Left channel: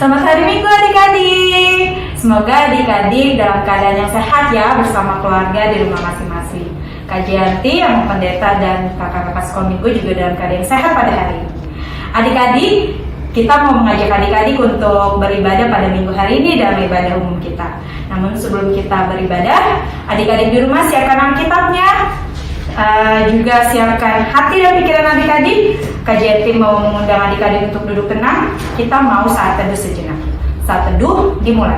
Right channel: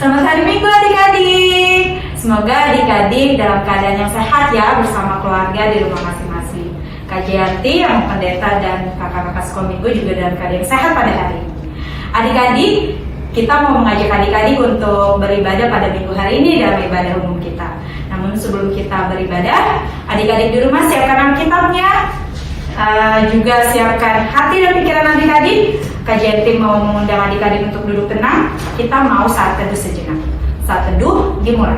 Selamat hari Minggu adik-adik. Semoga adik-adik dalam keadaan yang sehat ya bersama keluarga di rumah masing-masing. Kak Gianti, yang pendeta dan kakak-kakak sekolah minggu juga dalam keadaan yang sehat pada hari ini. Adik-adik, kita mau mengajak adik-adik untuk beribadah pada minggu hari ini dalam ibadah umum kita. Namun sebelum kita beribadah, adik-adik di rumah siapkan Alkitabnya, juga siapkan hati dan pikiran adik-adik. Kajian tim mau mengundang adik-adik untuk duduk tenang. Kita mau saat teduh sejenak. Saat teduh dimulai.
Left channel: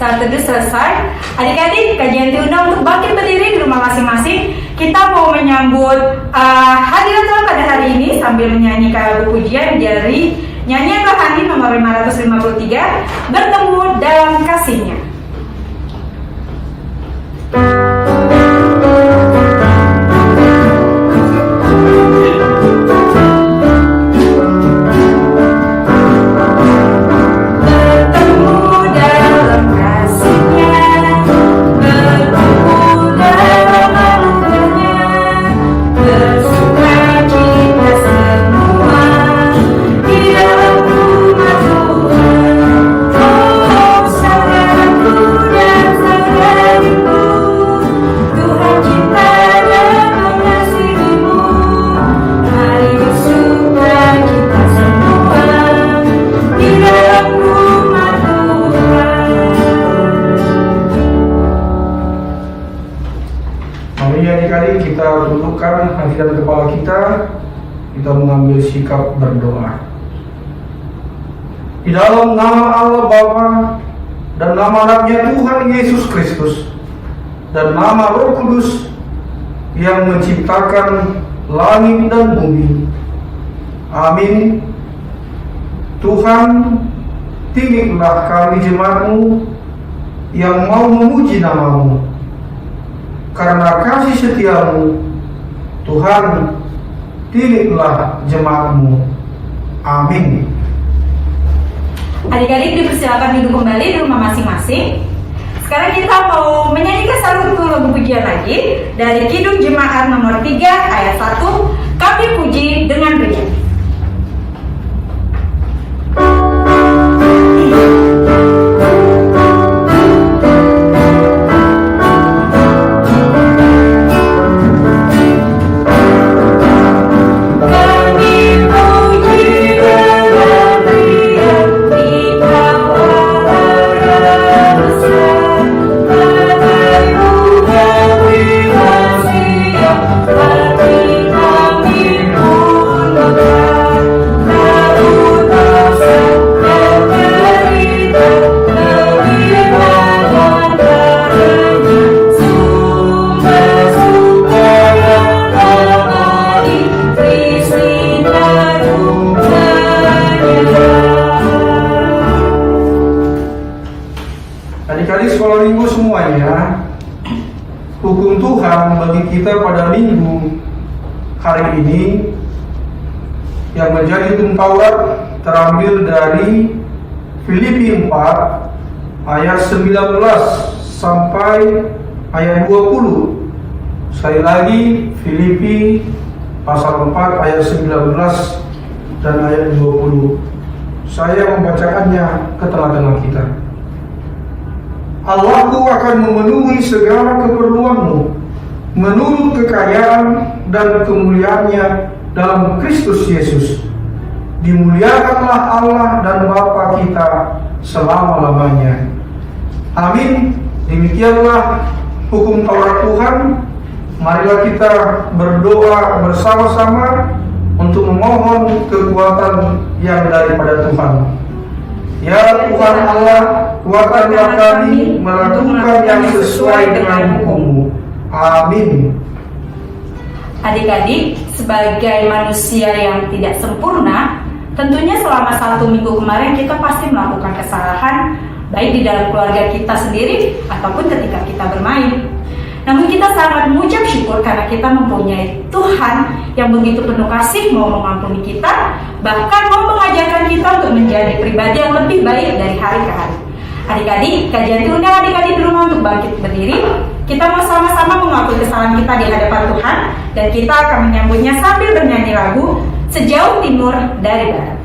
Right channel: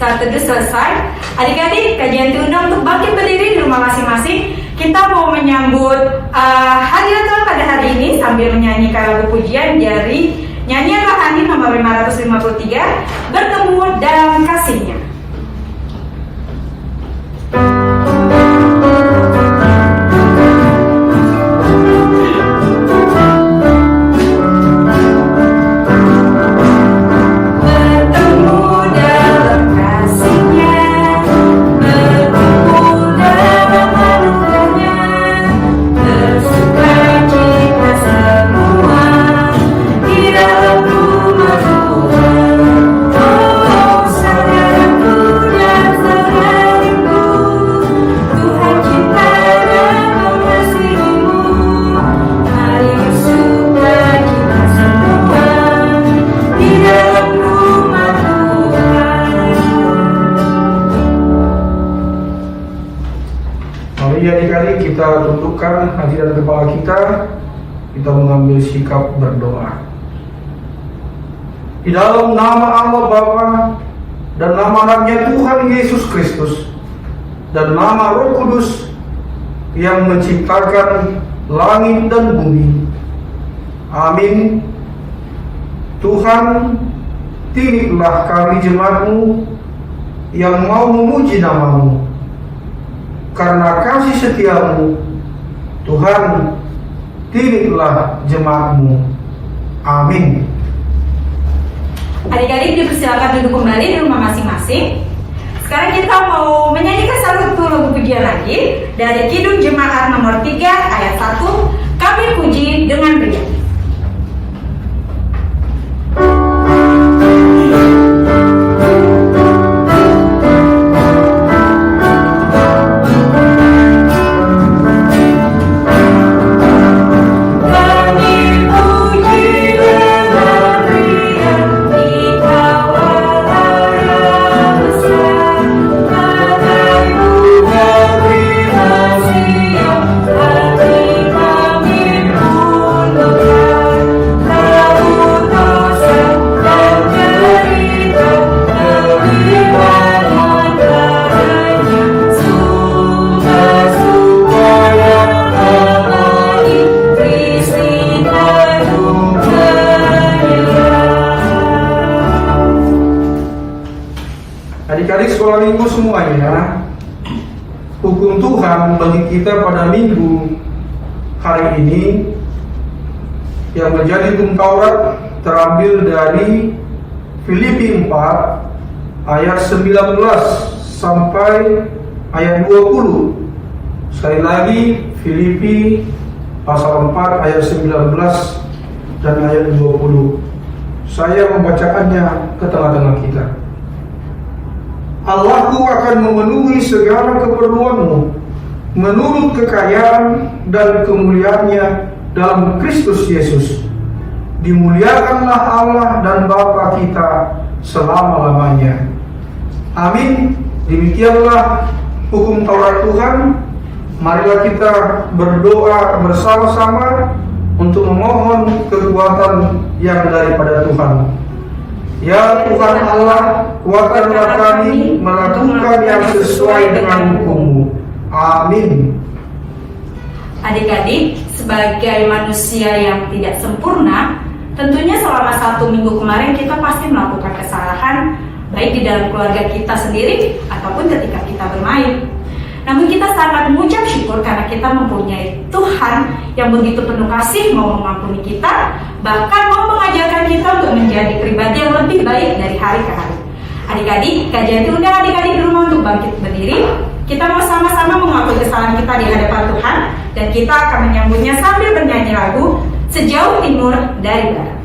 Saat teduh selesai, adik-adik kajian diundang untuk bangkit berdiri di rumah masing-masing. Kita mau menyambut hari Natal pada hari ini sambil menyanyikan lagu pujian dari nyanyian rohani nomor 553, Bertemu Dalam Kasih-Nya. Kita tundukkan hati dan kepala kita mengambil sikap berdoa. Di dalam nama Allah Bapa dan nama anaknya Tuhan Yesus Kristus dan nama Roh Kudus yang menciptakan langit dan bumi. Amin. Tuhan, titiplah kami jemaat-Mu yang mau memuji nama-Mu. Karena kasih setia-Mu, Tuhan, titiplah jemaat-Mu. Amin. Adik-adik dipersilakan duduk kembali di rumah masing-masing. Sekarang kita mau menyanyikan satu lagu pujian lagi dari Kidung Jemaat nomor 3 ayat 1. Kami puji dengan bernyanyi. Adik-adik sekolah minggu semuanya, hukum Tuhan bagi kita pada minggu hari ini yang menjadi hukum Taurat terambil dari Filipi 4 ayat 19 sampai ayat 20. Sekali lagi, Filipi pasal 4 ayat 19 dan ayat 20. Saya membacakannya ke tengah-tengah kita. Allahku akan memenuhi segala keperluanmu menurut kekayaan dan kemuliaannya dalam Kristus Yesus. Dimuliakanlah Allah dan Bapa kita selama-lamanya. Amin. Demikianlah hukum Taurat Tuhan. Marilah kita berdoa bersama-sama untuk memohon kekuatan yang daripada Tuhan. Ya Tuhan Allah, kuatkanlah kami melakukan yang sesuai dengan hukum-Mu. Amin. Adik-adik, sebagai manusia yang tidak sempurna, tentunya selama 1 minggu kemarin kita pasti melakukan kesalahan, baik di dalam keluarga kita sendiri ataupun ketika kita bermain. Namun kita sangat mengucap syukur karena kita mempunyai Tuhan yang begitu penuh kasih, mau mengampuni kita, bahkan mau mengajarkan kita untuk menjadi pribadi yang lebih baik dari hari ke hari. Adik-adik, kajian diundang adik-adik di rumah untuk bangkit berdiri. Kita mau sama-sama mengakui kesalahan kita di hadapan Tuhan, dan kita akan menyambutnya sambil bernyanyi lagu Sejauh Timur dari Barat.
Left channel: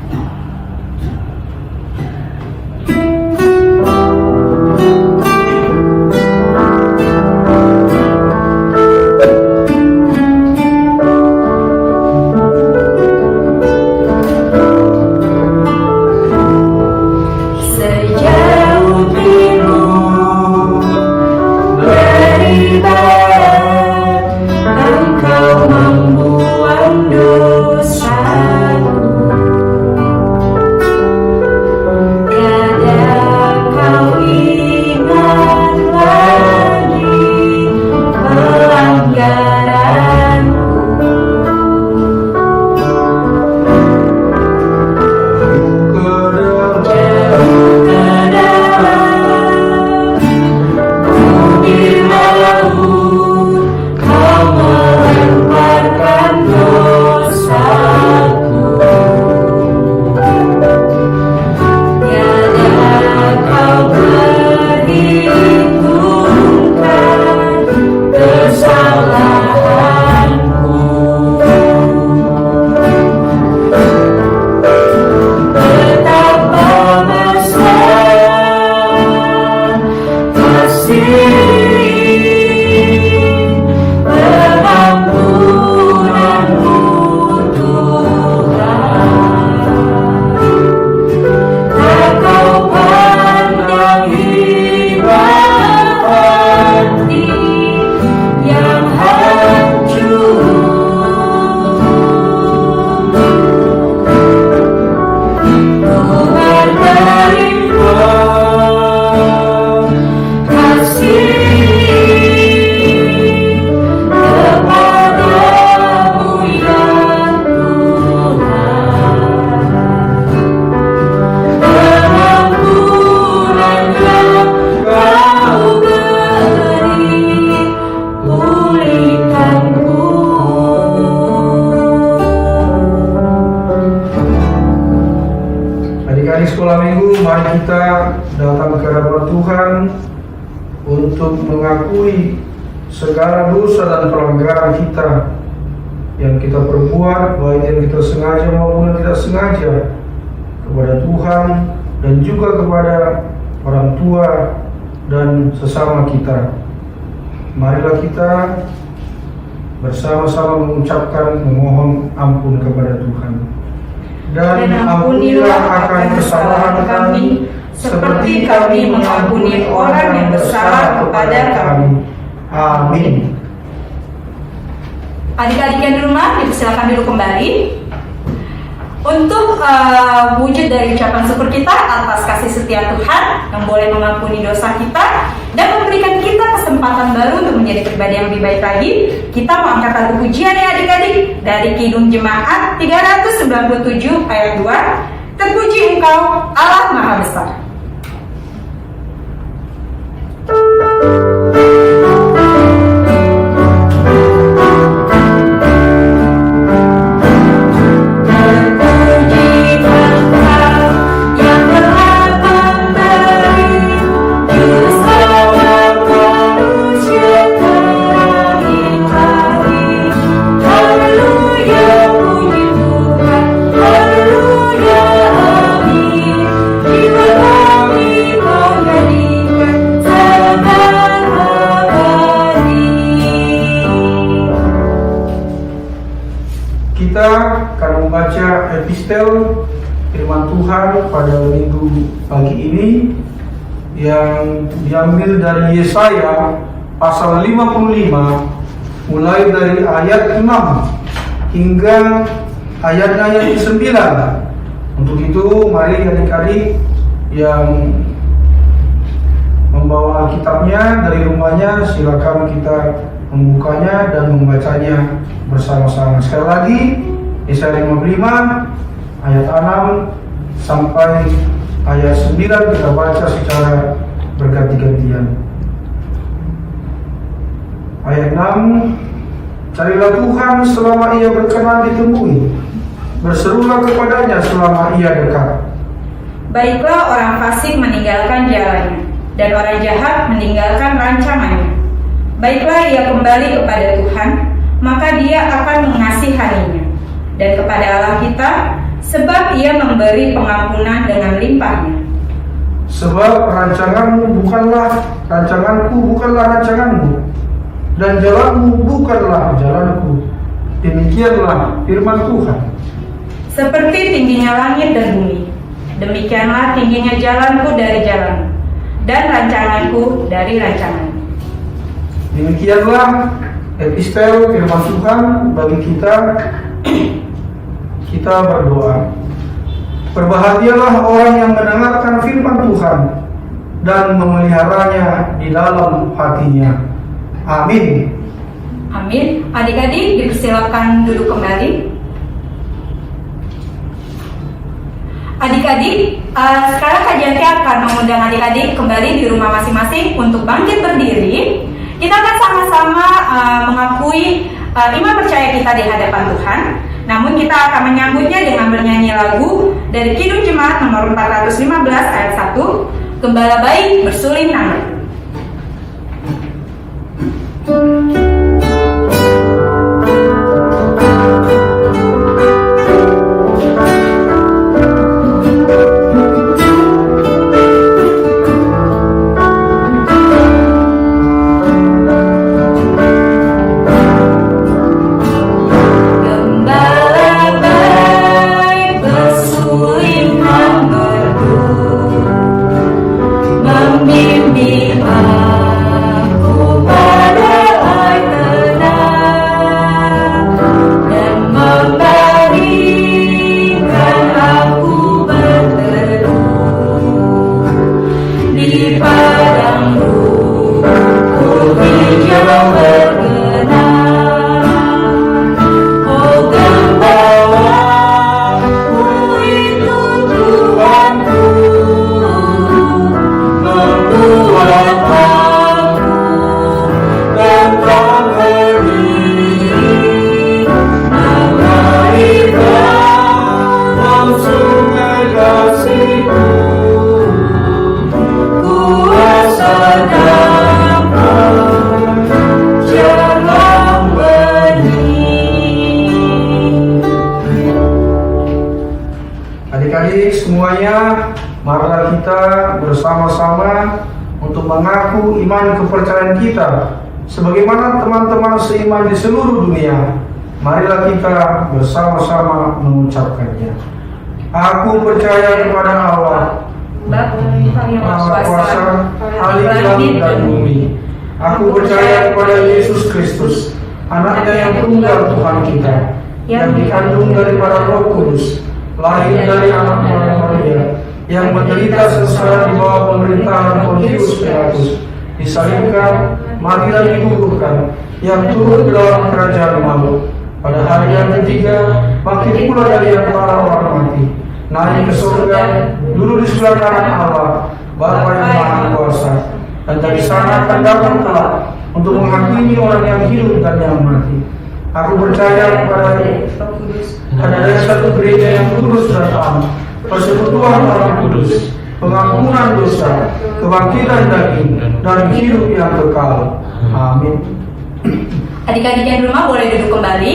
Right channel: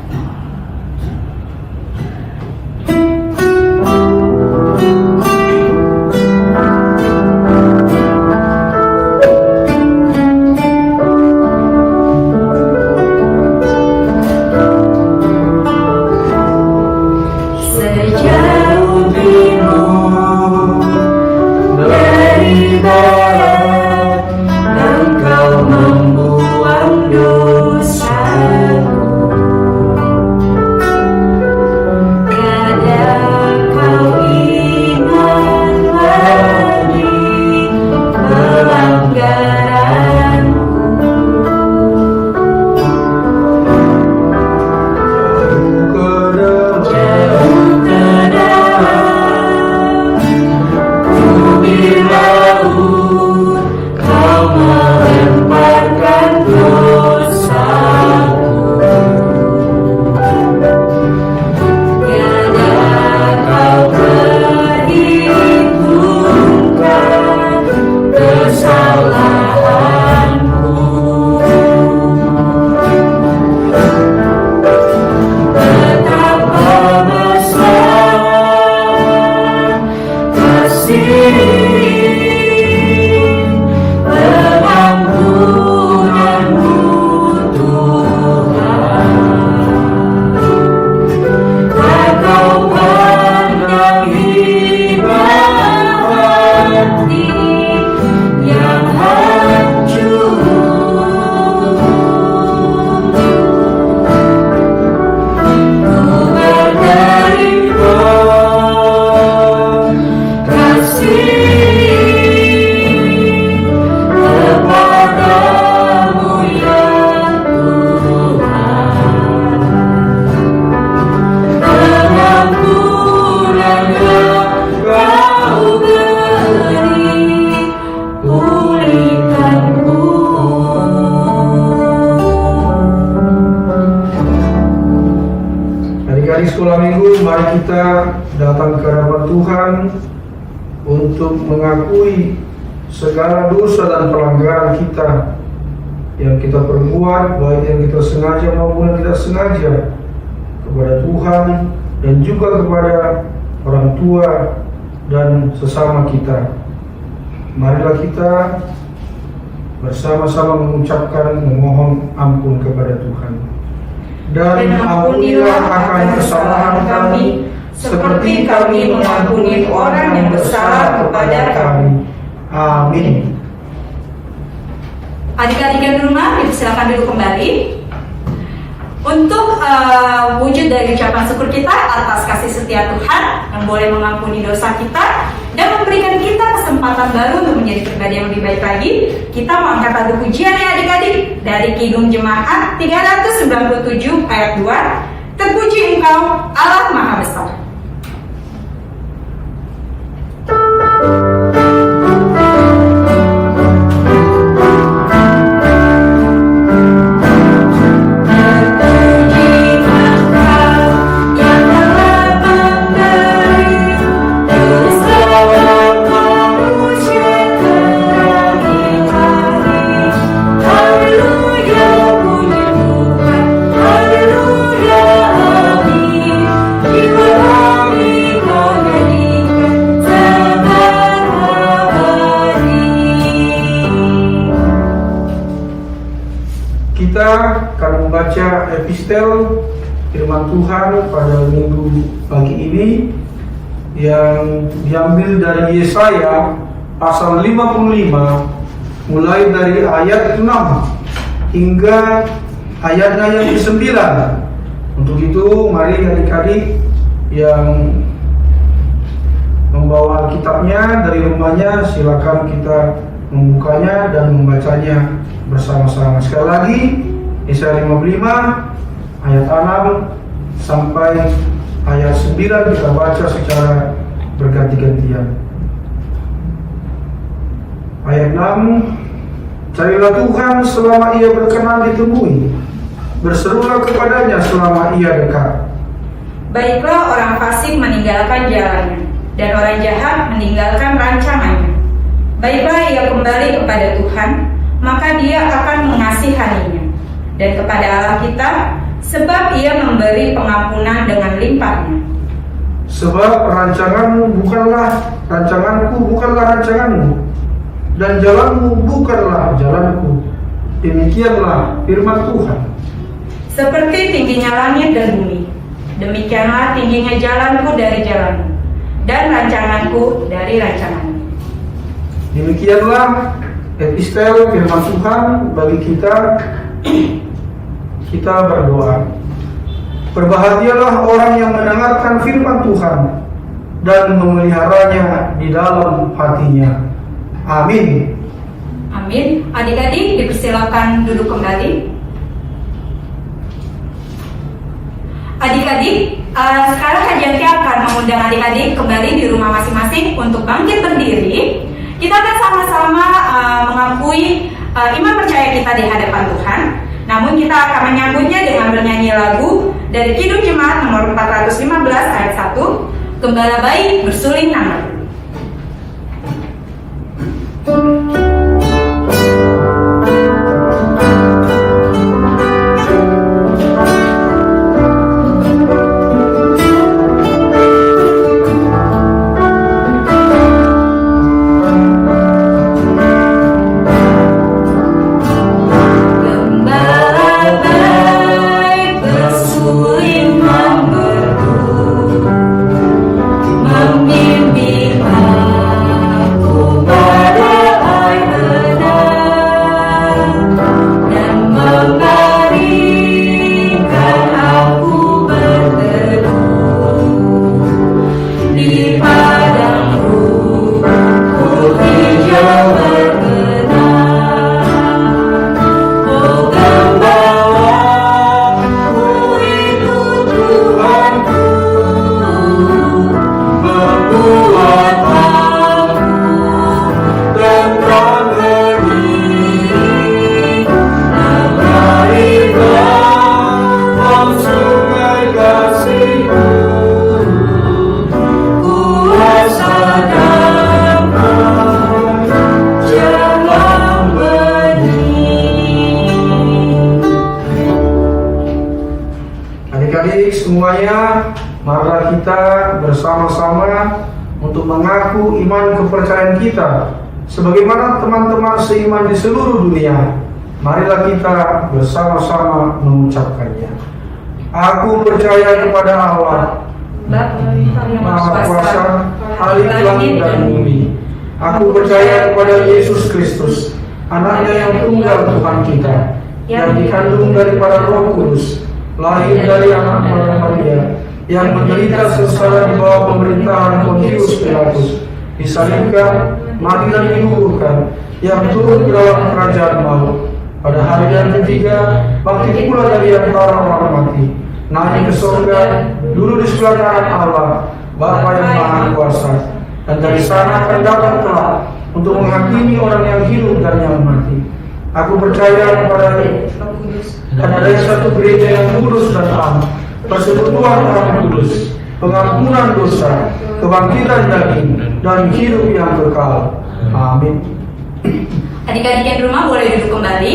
Sekolah minggu, mari kita datang ke hadapan Tuhan untuk mengakui segala dosa dan pelanggaran kita yang kita perbuat, baik yang kita sengaja maupun yang tidak sengaja, kepada Tuhan dan juga kepada orang tua dan sesama kita. Marilah kita bersama-sama mengucapkan memohon ampun kepada Tuhan. Dan ampunilah akan kesalahan kami, seperti kami mengampuni orang yang bersalah kepada kami. Amin. Adik-adik yang di rumah, dipersilakan dulu kembali untuk wujud dari ucapan syukur kita atas kasih setia Tuhan yang boleh mengampuni dosa kita dan memberikan kita kesempatan baru untuk menjadi pribadi yang lebih baik lagi. Kita mau angkat lagu pujian ya adik-adik dari Kidung Jemaat 397 ayat 2. Terpuji Engkau Allah Maha Besar. Kita akan membaca epistel firman Tuhan pada minggu pagi ini yang diambil dari Yesaya pasal 55 mulai dari ayat 6 hingga ayatnya yang ke-9. Untuk itu mari adik-adik yang membawa Alkitabnya dari rumahnya, silakan kita membukanya dan membacanya bersama-sama. Sekali lagi, Yesaya 55 ayat 6 sampai ayat 9 kita baca secara berganti-gantian. Ayat 6, carilah Tuhan selama ia berkenan ditemui, berserulah kepadanya selama ia dekat. Baiklah orang fasik meninggalkan jalannya, dan orang jahat meninggalkan rancangannya. Baiklah ia kembali kepada Tuhan, maka dia akan mengasihaninya, dan kepada Allah kita, sebab ia memberi pengampunan dengan limpahnya. Sebab rancanganku bukanlah rancanganmu, dan jalanmu bukanlah jalanku. Demikianlah firman Tuhan. Seperti tingginya langit dan bumi, demikianlah tingginya jalanku dari jalanmu, dan rancanganku dari rancanganmu. Demikianlah epistel firman Tuhan bagi kita. Kita berdoa. Berbahagialah orang yang mendengarkan firman Tuhan dan memeliharanya di dalam hatinya. Amin. Amin. Adik-adik dipersilakan duduk kembali. Adik-adik, sekarang kajian akan mengundang adik-adik kembali di rumah masing-masing untuk bangkit berdiri. Kita akan sama-sama mengakui iman percaya kita di hadapan Tuhan. Namun kita akan menyambutnya dengan bernyanyi lagu dari Kidung Jemaat nomor 415 ayat 1, Gembala Bayi Bersuling Nama. Adik-adik semuanya, marilah kita bersama-sama untuk mengaku iman kepercayaan kita sebagaimana teman-teman seiman di seluruh dunia. Marilah kita bersama-sama mengucapkannya. Aku percaya kepada Allah, Maha Kuasa, Ahli langit dan bumi. Aku percaya kepada Yesus Kristus, Anaknya yang tunggal Tuhan kita, yang dikandung daripada Roh Kudus, lahir dari anak Maria, yang menderita sengsara di bawah pemerintahan Pontius Pilatus, disalibkan, mati dan dikuburkan, yang turun ke dalam kerajaan maut. Pada hari yang ketiga, bangkit pula dari antara orang mati, naik ke surga, duduk di sebelah kanan Allah, Bapa yang Maha Kuasa, dan dari sana akan datang kelak untuk menghakimi orang yang hidup dan yang mati. Aku percaya kepada ada satu gereja yang kudus dan am, persekutuan orang kudus, pengampunan dosa, kebangkitan daging, dan hidup yang kekal. Amin. Adik-adik yang di rumah boleh duduk kembali.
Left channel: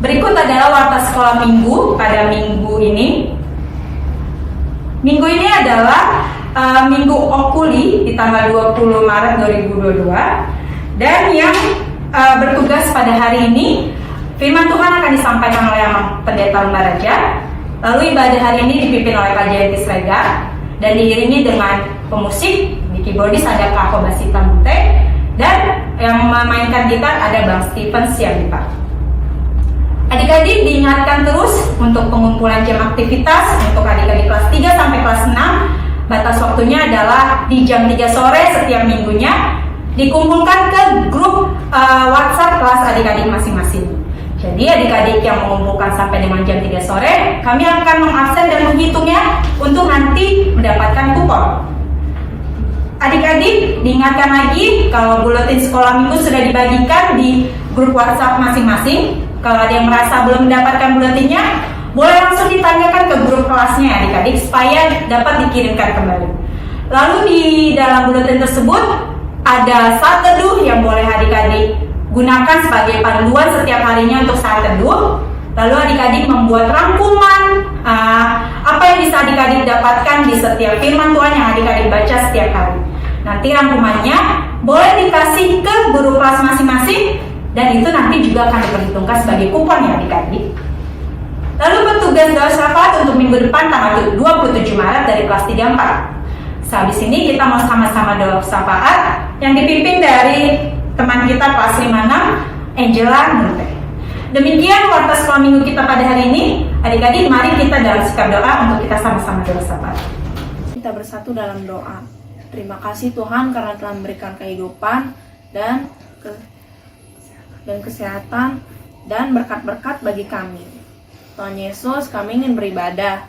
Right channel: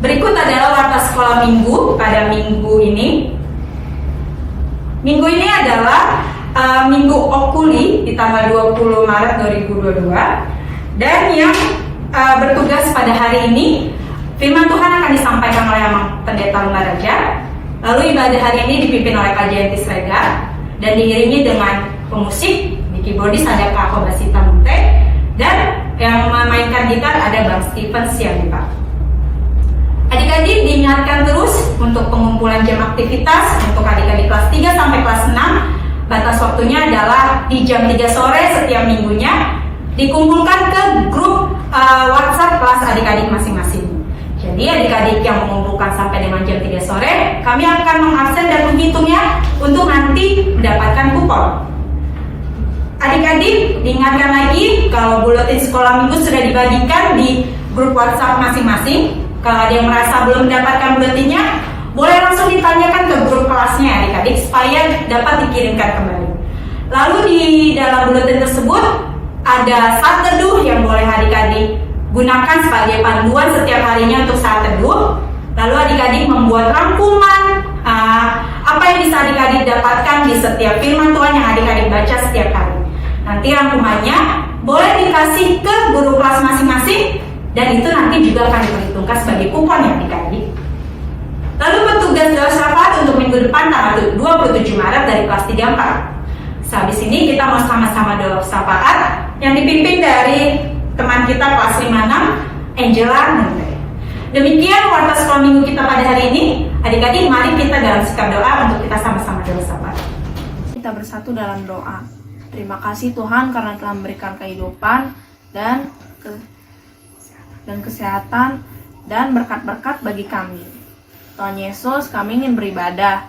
Berikut adalah warta sekolah minggu pada minggu ini. Minggu ini adalah Minggu Okuli di tanggal 20 Maret 2022. Dan yang bertugas pada hari ini, firman Tuhan akan disampaikan oleh Pendeta Mbaraja. Lalu ibadah hari ini dipimpin oleh Kak Jentis Rega dan diiringi dengan pemusik. Di keyboardis ada Kak Kobasita Munte, dan yang memainkan gitar ada Bang Steven Sianita. Adik-adik diingatkan terus untuk pengumpulan jam aktivitas untuk adik-adik kelas 3 sampai kelas 6 batas waktunya adalah di jam 3 sore setiap minggunya, dikumpulkan ke grup WhatsApp kelas adik-adik masing-masing. Jadi adik-adik yang mengumpulkan sampai dengan jam 3 sore, kami akan mengabsen dan menghitungnya untuk nanti mendapatkan kupon. Adik-adik diingatkan lagi kalau buletin sekolah minggu sudah dibagikan di grup WhatsApp masing-masing. Kalau ada yang merasa belum mendapatkan buletinnya, boleh langsung ditanyakan ke grup kelasnya adik-adik supaya dapat dikirimkan kembali. Lalu di dalam buletin tersebut ada saat teduh yang boleh adik-adik gunakan sebagai panduan setiap harinya untuk saat teduh. Lalu adik-adik membuat rangkuman apa yang bisa adik-adik dapatkan di setiap firman Tuhan yang adik-adik baca setiap hari. Nanti rangkumannya boleh dikasih ke guru kelas masing-masing dan itu nanti juga akan diperhitungkan sebagai kupon ya adik-adik. Lalu bertugas doa syafaat untuk minggu depan tanggal 27 Maret dari kelas 3-4. Sehabis ini kita mau sama-sama doa syafaat yang dipimpin dari teman kita kelas 56, Angela Nunde. Demikian warta sekolah minggu kita pada hari ini. Adik-adik, mari kita dalam sikap doa untuk kita sama-sama doa syafaat. Kita bersatu dalam doa. Terima kasih Tuhan karena telah memberikan kehidupan dan kesehatan dan berkat-berkat bagi kami. Tuhan Yesus, kami ingin beribadah.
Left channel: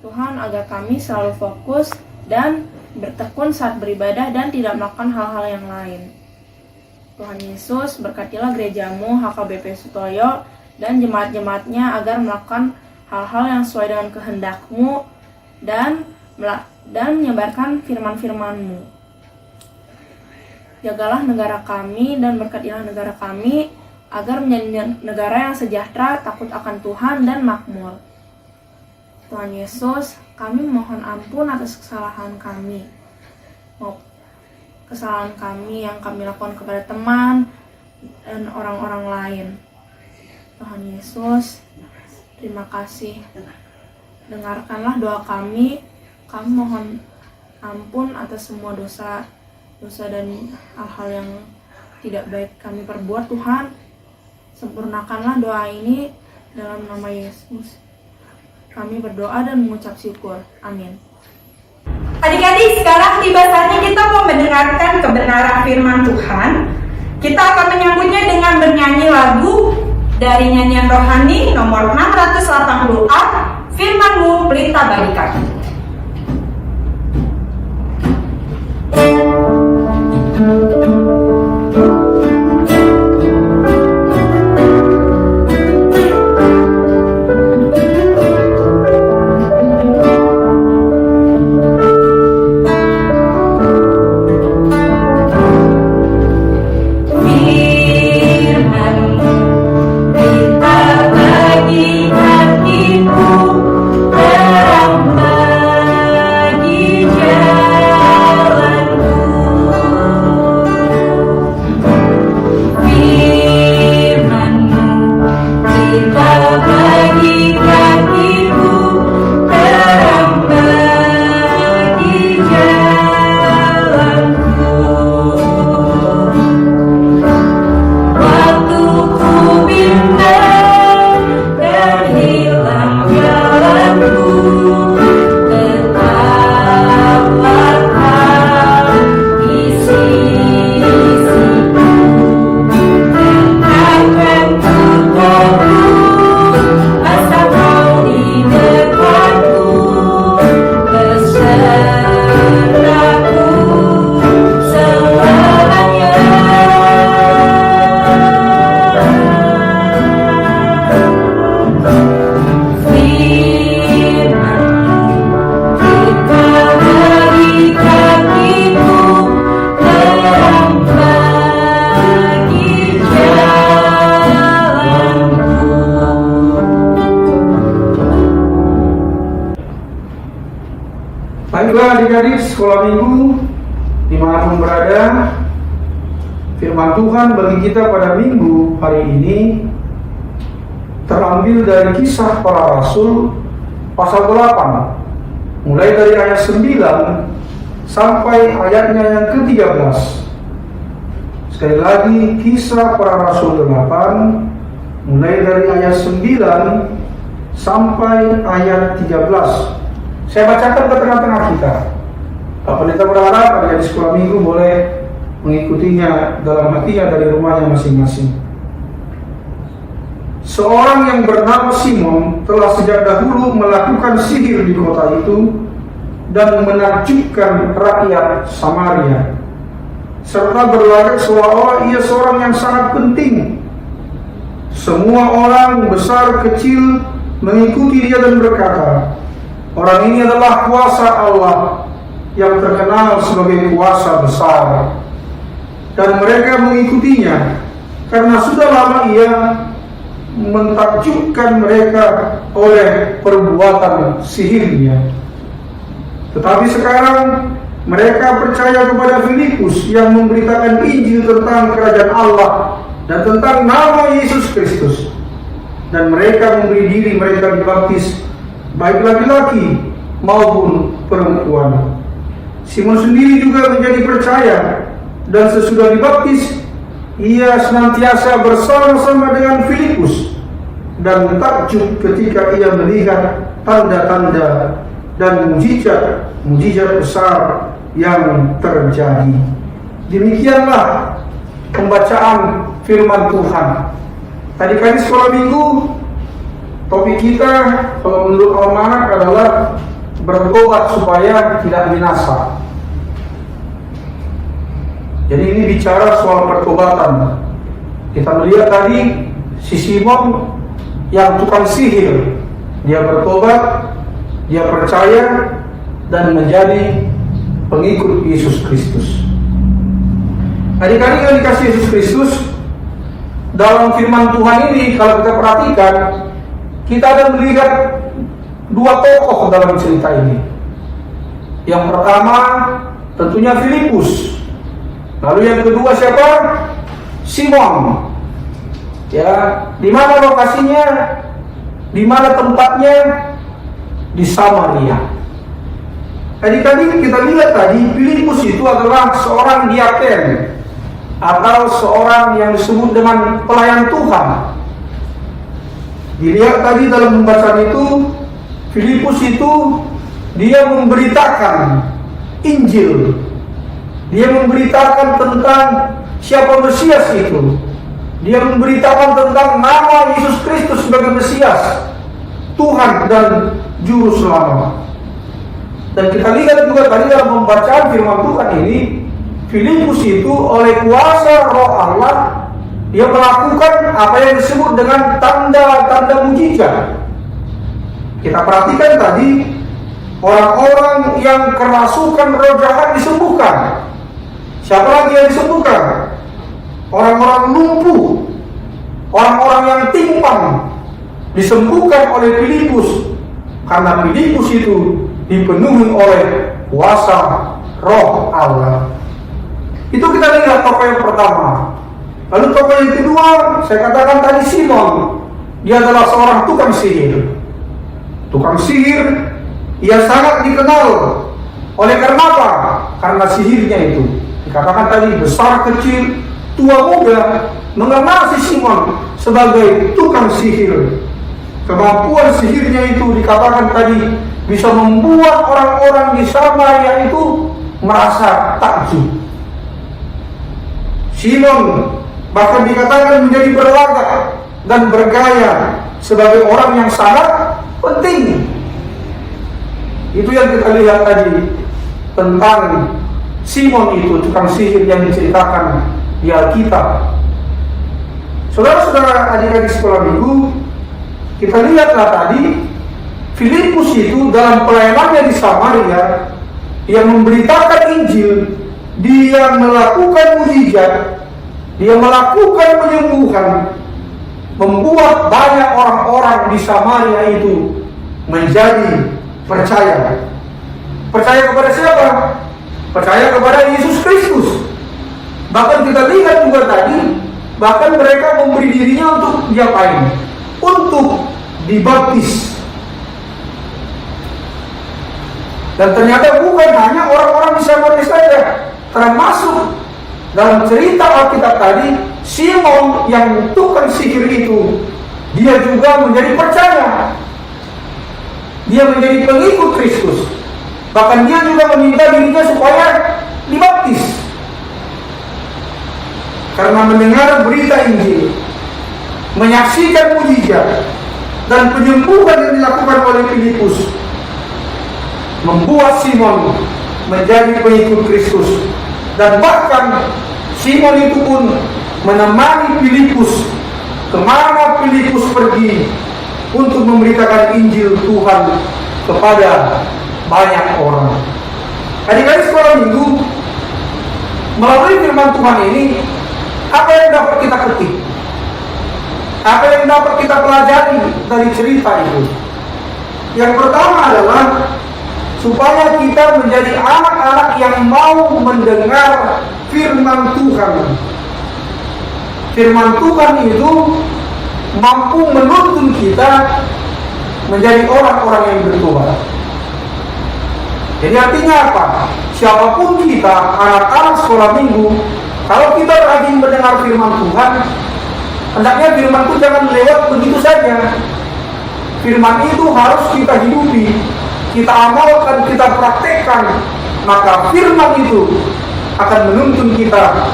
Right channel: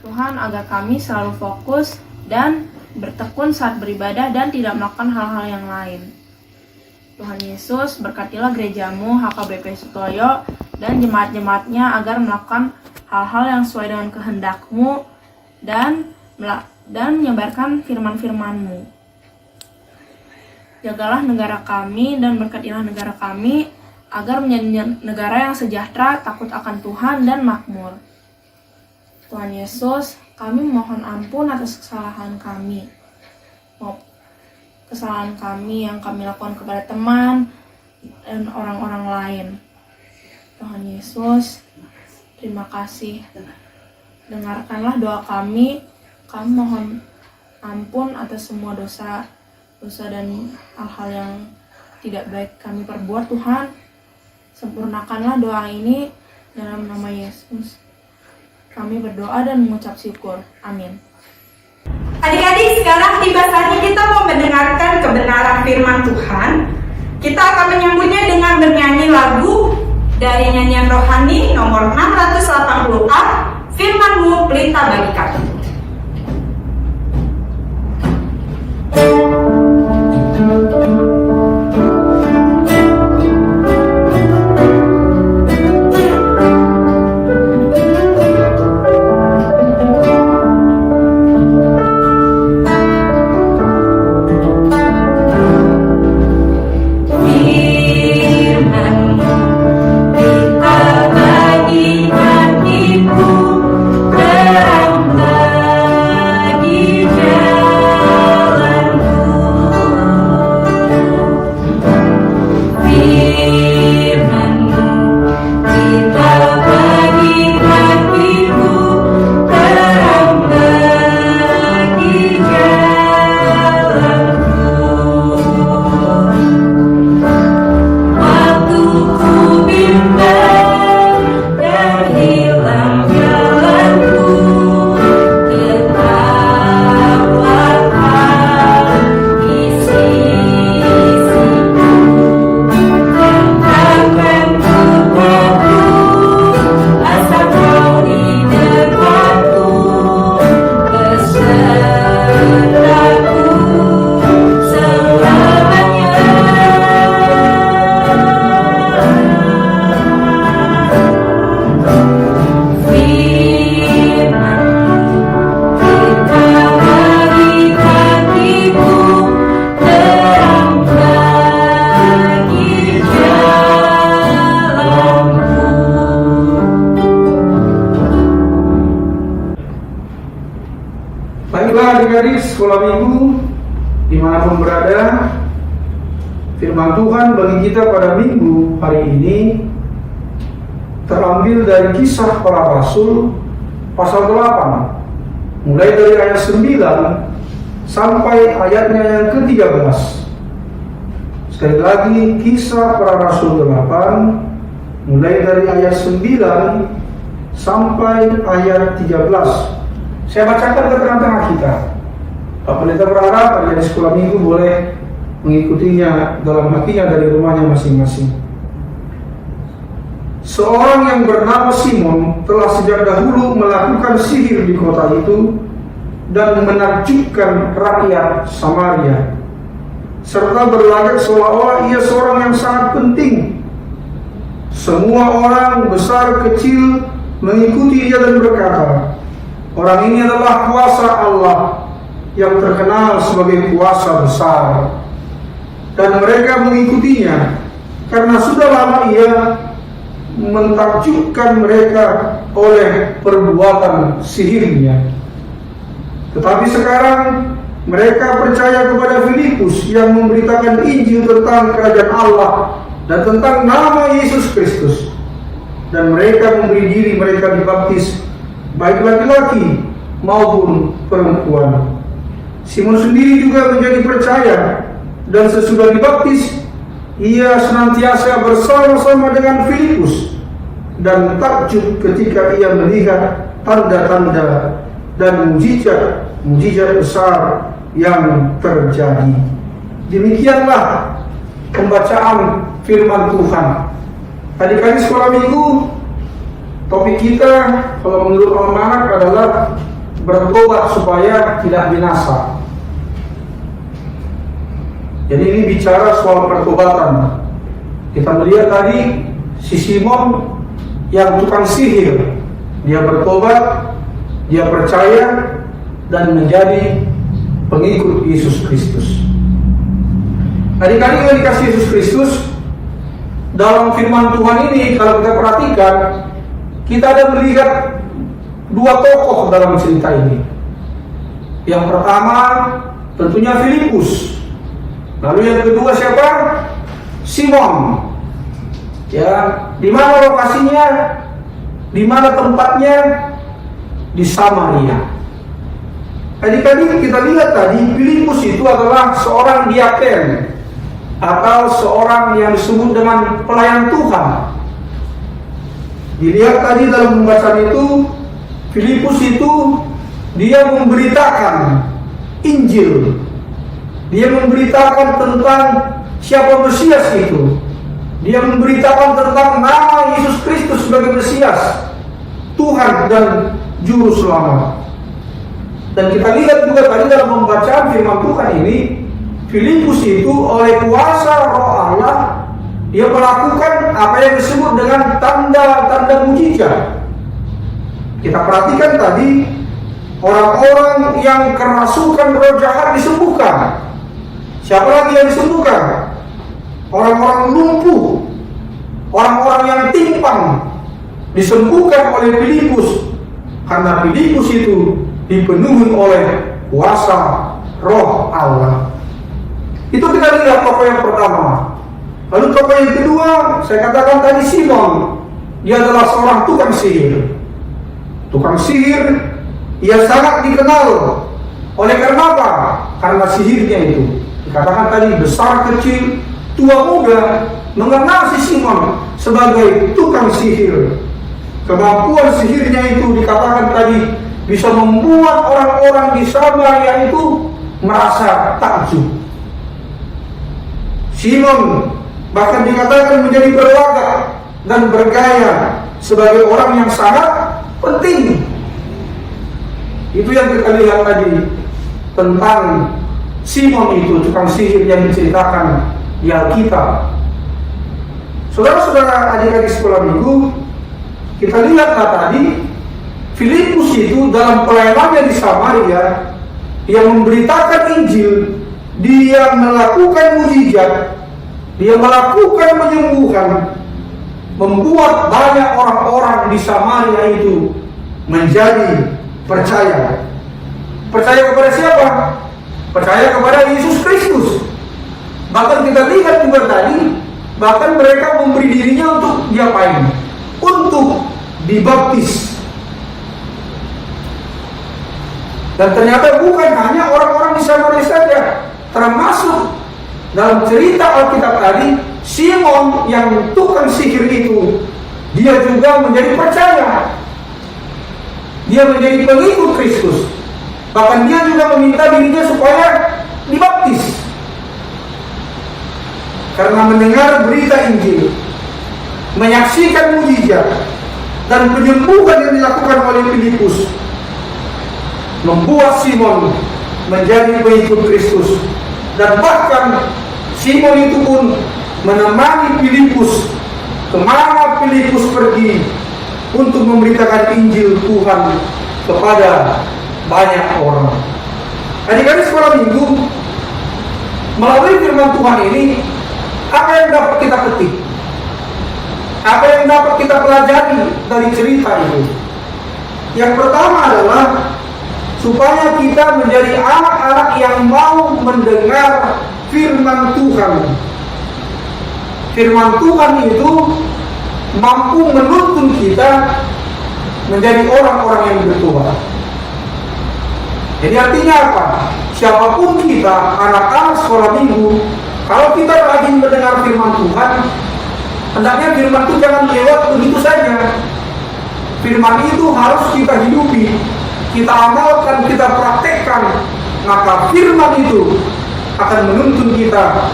Tuhan, agar kami selalu fokus dan bertekun saat beribadah dan tidak melakukan hal-hal yang lain. Tuhan Yesus, berkatilah gerejamu HKBP Sutoyo dan jemaat-jemaatnya agar melakukan hal-hal yang sesuai dengan kehendak-Mu dan menyebarkan firman-firman-Mu. Jagalah negara kami dan berkatilah negara kami agar menjadi negara yang sejahtera, takut akan Tuhan dan makmur. Tuhan Yesus, kami mohon ampun atas kesalahan kami. Kesalahan kami yang kami lakukan kepada teman dan orang-orang lain. Tuhan Yesus, terima kasih. Dengarkanlah doa kami. Kami mohon ampun atas semua dosa dan hal-hal yang tidak baik kami perbuat. Tuhan, sempurnakanlah doa ini dalam nama Yesus. Kami berdoa dan mengucap syukur. Amin. Adik-adik, sekarang tiba saatnya kita mau mendengarkan kebenaran firman Tuhan. Kita akan menyambutnya dengan bernyanyi lagu dari nyanyian rohani nomor 680A, Firman-Mu Pelita Bagi Kami. Adik-adik sekolah minggu dimanapun berada, firman Tuhan bagi kita pada minggu hari ini terambil dari Kisah Para Rasul pasal 8 mulai dari ayat 9 sampai ayatnya yang ke-13. Sekali lagi, Kisah Para Rasul 8 mulai dari ayat 9 sampai ayat 13. Saya bacakan ke tengah-tengah kita. Pak Pendeta berharap adik di sekolah minggu boleh mengikutinya dalam hatinya dari rumahnya masing-masing. Seorang yang bernama Simon telah sejak dahulu melakukan sihir di kota itu dan menakjubkan rakyat Samaria, serta berlagak seolah-olah ia seorang yang sangat penting. Semua orang besar kecil mengikuti dia dan berkata, orang ini adalah kuasa Allah yang terkenal sebagai kuasa besar. Dan mereka mengikutinya karena sudah lama ia mentakjubkan mereka oleh perbuatan sihirnya. Tetapi sekarang mereka percaya kepada Filipus yang memberitakan Injil tentang kerajaan Allah dan tentang nama Yesus Kristus. Dan mereka memberi diri mereka dibaptis, baik laki-laki maupun perempuan. Simon sendiri juga menjadi percaya, dan sesudah dibaptis ia senantiasa bersama-sama dengan Filipus dan takjub ketika ia melihat tanda-tanda dan mujizat besar yang terjadi. Demikianlah pembacaan firman Tuhan. Adik-adik sekolah minggu, topik kita kalau menurut Almanak adalah bertobat supaya tidak binasa. Jadi ini bicara soal pertobatan. Kita melihat tadi si Simon yang tukang sihir, dia bertobat, dia percaya dan menjadi pengikut Yesus Kristus. Adik-adik yang dikasih Yesus Kristus, dalam firman Tuhan ini kalau kita perhatikan, kita ada melihat dua tokoh dalam cerita ini. Yang pertama tentunya Filipus. Lalu yang kedua siapa? Simon. Ya, di mana lokasinya? Di mana tempatnya? Di Samaria. Adik-adik kita lihat tadi Filipus itu adalah seorang diaken atau seorang yang disebut dengan pelayan Tuhan. Dilihat tadi dalam pembacaan itu, Filipus itu dia memberitakan Injil. Dia memberitakan tentang siapa Mesias itu. Dia memberitakan tentang nama Yesus Kristus sebagai Mesias, Tuhan dan Juru Selamat. Dan kita lihat juga tadi dalam pembacaan firman Tuhan ini, Filipus itu oleh kuasa Roh Allah, dia melakukan apa yang disebut dengan tanda-tanda mujizat. Kita perhatikan tadi, orang-orang yang kerasukan roh jahat disembuhkan. Siapa lagi yang disembuhkan? Orang-orang lumpuh, orang-orang yang timpang disembuhkan oleh Filipus, karena Filipus itu dipenuhi oleh kuasa Roh Allah. Itu kita lihat tokoh yang pertama. Lalu tokoh yang kedua, saya katakan tadi Simon. Dia adalah seorang tukang sihir. Tukang sihir, ia sangat dikenal. Oleh karena apa? Karena sihirnya itu. Dikatakan tadi besar kecil, tua muda mengenal si Simon sebagai tukang sihir. Kemampuan sihirnya itu dikatakan tadi bisa membuat orang-orang di Samaria itu merasa takjub. Simon bahkan dikatakan menjadi berlagak dan bergaya sebagai orang yang sangat penting. Itu yang kita lihat tadi tentang Simon itu, tukang sihir yang diceritakan di Alkitab. Saudara-saudara adik-adik sekolah minggu, kita lihatlah tadi Filipus itu dalam pelayanannya di Samaria, dia memberitakan Injil, dia melakukan mujizat, dia melakukan penyembuhan, membuat banyak orang-orang di Samaria itu menjadi percaya. Percaya kepada siapa? Percaya kepada Yesus Kristus. Bahkan kita lihat juga tadi, bahkan mereka memberi dirinya untuk diapain? Untuk dibaptis. Dan ternyata bukan hanya orang-orang di Samaria saja, termasuk dalam cerita Alkitab tadi, Simon yang tukang sihir itu, dia juga menjadi percaya. dia menjadi pengikut Kristus. Bahkan dia juga meminta dirinya supaya dibaptis. Karena mendengar berita Injil, menyaksikan mujizat dan penyembuhan yang dilakukan oleh Filipus, membuat Simon menjadi pengikut Kristus. Dan bahkan Simon itu pun menemani Filipus kemana Filipus pergi untuk memberitakan Injil Tuhan kepada banyak orang. Adik-adik sekolah minggu, melalui firman Tuhan ini, apa yang dapat kita petik? Apa yang dapat kita pelajari dari cerita itu? Yang pertama adalah supaya kita menjadi anak-anak yang mau mendengar firman Tuhan. Firman Tuhan itu mampu menuntun kita menjadi orang-orang yang bertobat. Jadi artinya apa? Siapapun kita, anak-anak sekolah minggu, kalau kita rajin mendengar firman Tuhan, hendaknya firman itu jangan lewat begitu saja. Firman itu harus kita hidupi, kita amalkan, kita praktekkan. Maka firman itu akan menuntun kita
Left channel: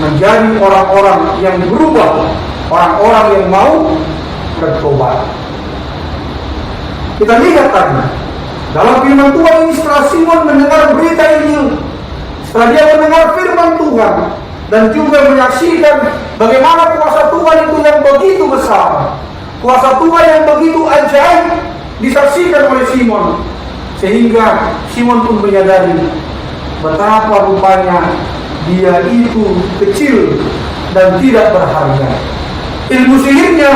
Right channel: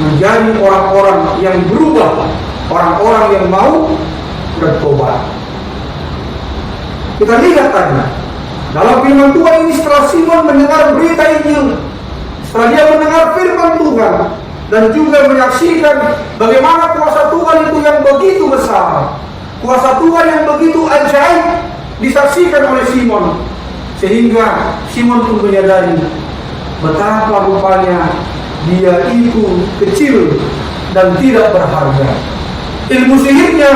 menjadi orang-orang yang berubah, orang-orang yang mau bertobat. Kita lihat tadi dalam firman Tuhan ini, setelah Simon mendengar berita Injil, setelah dia mendengar firman Tuhan dan juga menyaksikan bagaimana kuasa Tuhan itu yang begitu besar, kuasa Tuhan yang begitu ajaib disaksikan oleh Simon, sehingga Simon pun menyadari betapa rupanya dia itu kecil dan tidak berharga. Ilmu sihirnya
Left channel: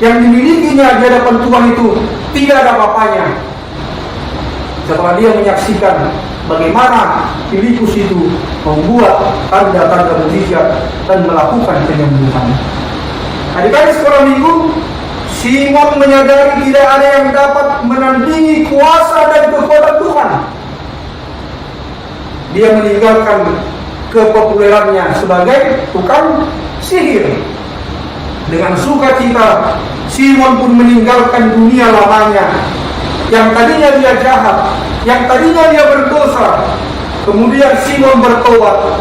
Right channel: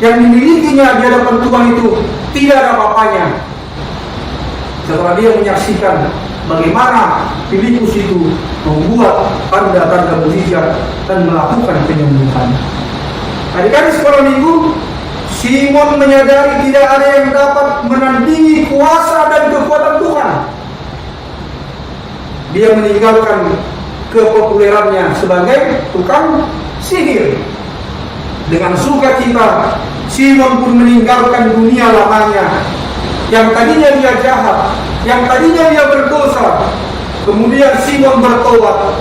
yang dimilikinya di hadapan Tuhan itu tidak ada apa-apanya setelah dia menyaksikan bagaimana Filipus itu membuat tanda-tanda mujizat dan melakukan penyembuhan. Adik-adik sekolah minggu, Simon menyadari tidak ada yang dapat menandingi kuasa dan kekuatan Tuhan. Dia meninggalkan kepopulerannya sebagai tukang sihir. Dengan sukacita, Simon pun meninggalkan dunia lamanya. Yang tadinya dia jahat, yang tadinya dia berdosa. Kemudian Simon bertobat,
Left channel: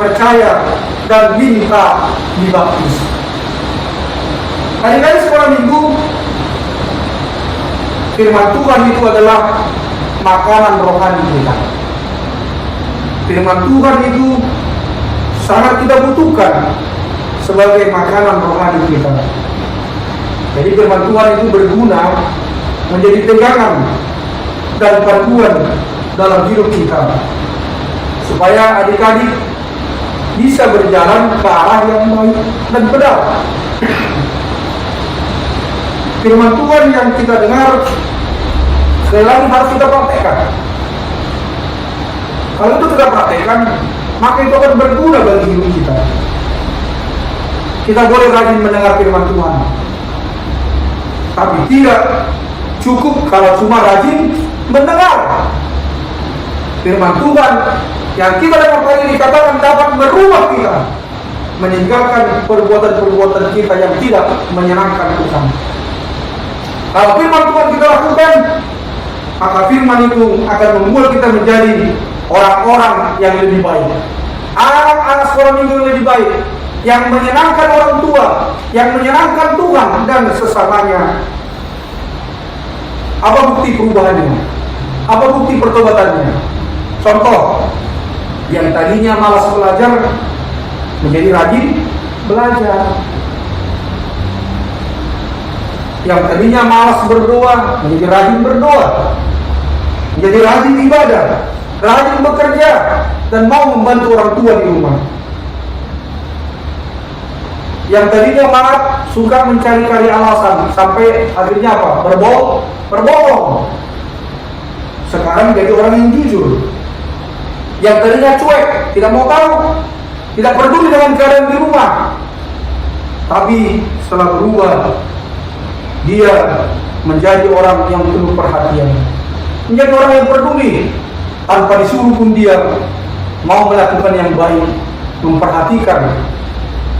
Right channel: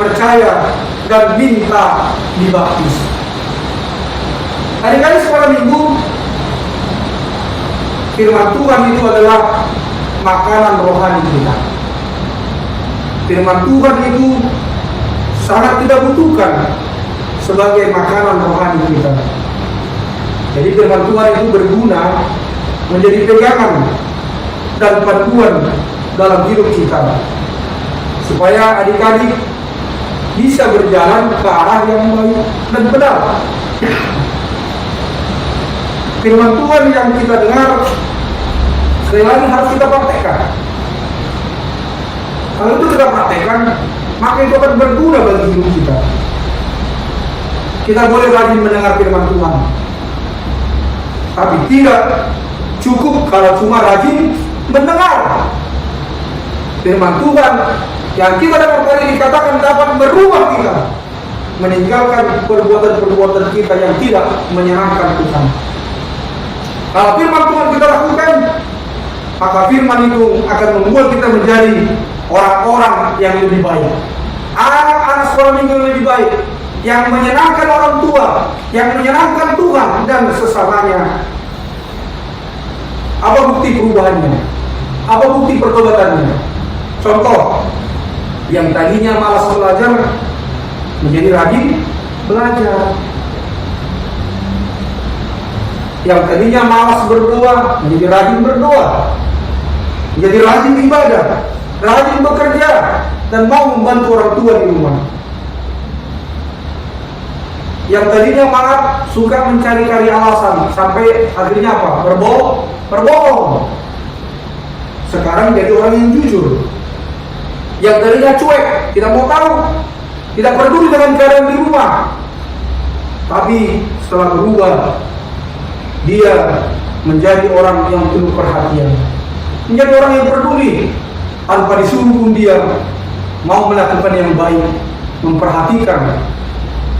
percaya, dan minta dibaptis. Hari-hari sekolah minggu, firman Tuhan itu adalah makanan rohani kita. Firman Tuhan itu sangat kita butuhkan sebagai makanan rohani kita. Jadi firman Tuhan itu berguna menjadi pegangan dan panduan dalam hidup kita, supaya adik-adik bisa berjalan ke arah yang baik dan benar. Firman Tuhan yang kita dengar sekali lagi harus kita praktekkan. Kalau itu kita praktekkan, maka itu akan berguna bagi hidup kita. Kita boleh rajin mendengar firman Tuhan, tapi tidak cukup kalau cuma rajin mendengar. Firman Tuhan yang kita dengar tadi dikatakan dapat merubah kita, meninggalkan perbuatan-perbuatan kita yang tidak menyenangkan Tuhan. Kalau firman Tuhan kita lakukan, maka firman itu akan membuat kita menjadi orang-orang yang lebih baik, anak-anak sekolah minggu yang lebih baik, yang menyenangkan orang tua, yang menyenangkan Tuhan dan sesamanya. Apa bukti perubahannya? Apa bukti pertobatannya? Contoh, yang tadinya malas belajar menjadi rajin belajar. Yang tadinya malas berdoa menjadi rajin berdoa, menjadi rajin ibadah, rajin bekerja, dan mau membantu orang tua di rumah. Yang tadinya sangat suka mencari-cari alasan, sampai akhirnya apa? Berbohong. Sekarang jadi orang yang jujur. Yang tadinya cuek, tidak mau tahu, tidak peduli dengan keadaan di rumah, tapi setelah berubah, dia menjadi orang yang penuh perhatian, menjadi orang yang peduli. Tanpa disuruh pun dia mau melakukan yang baik, memperhatikan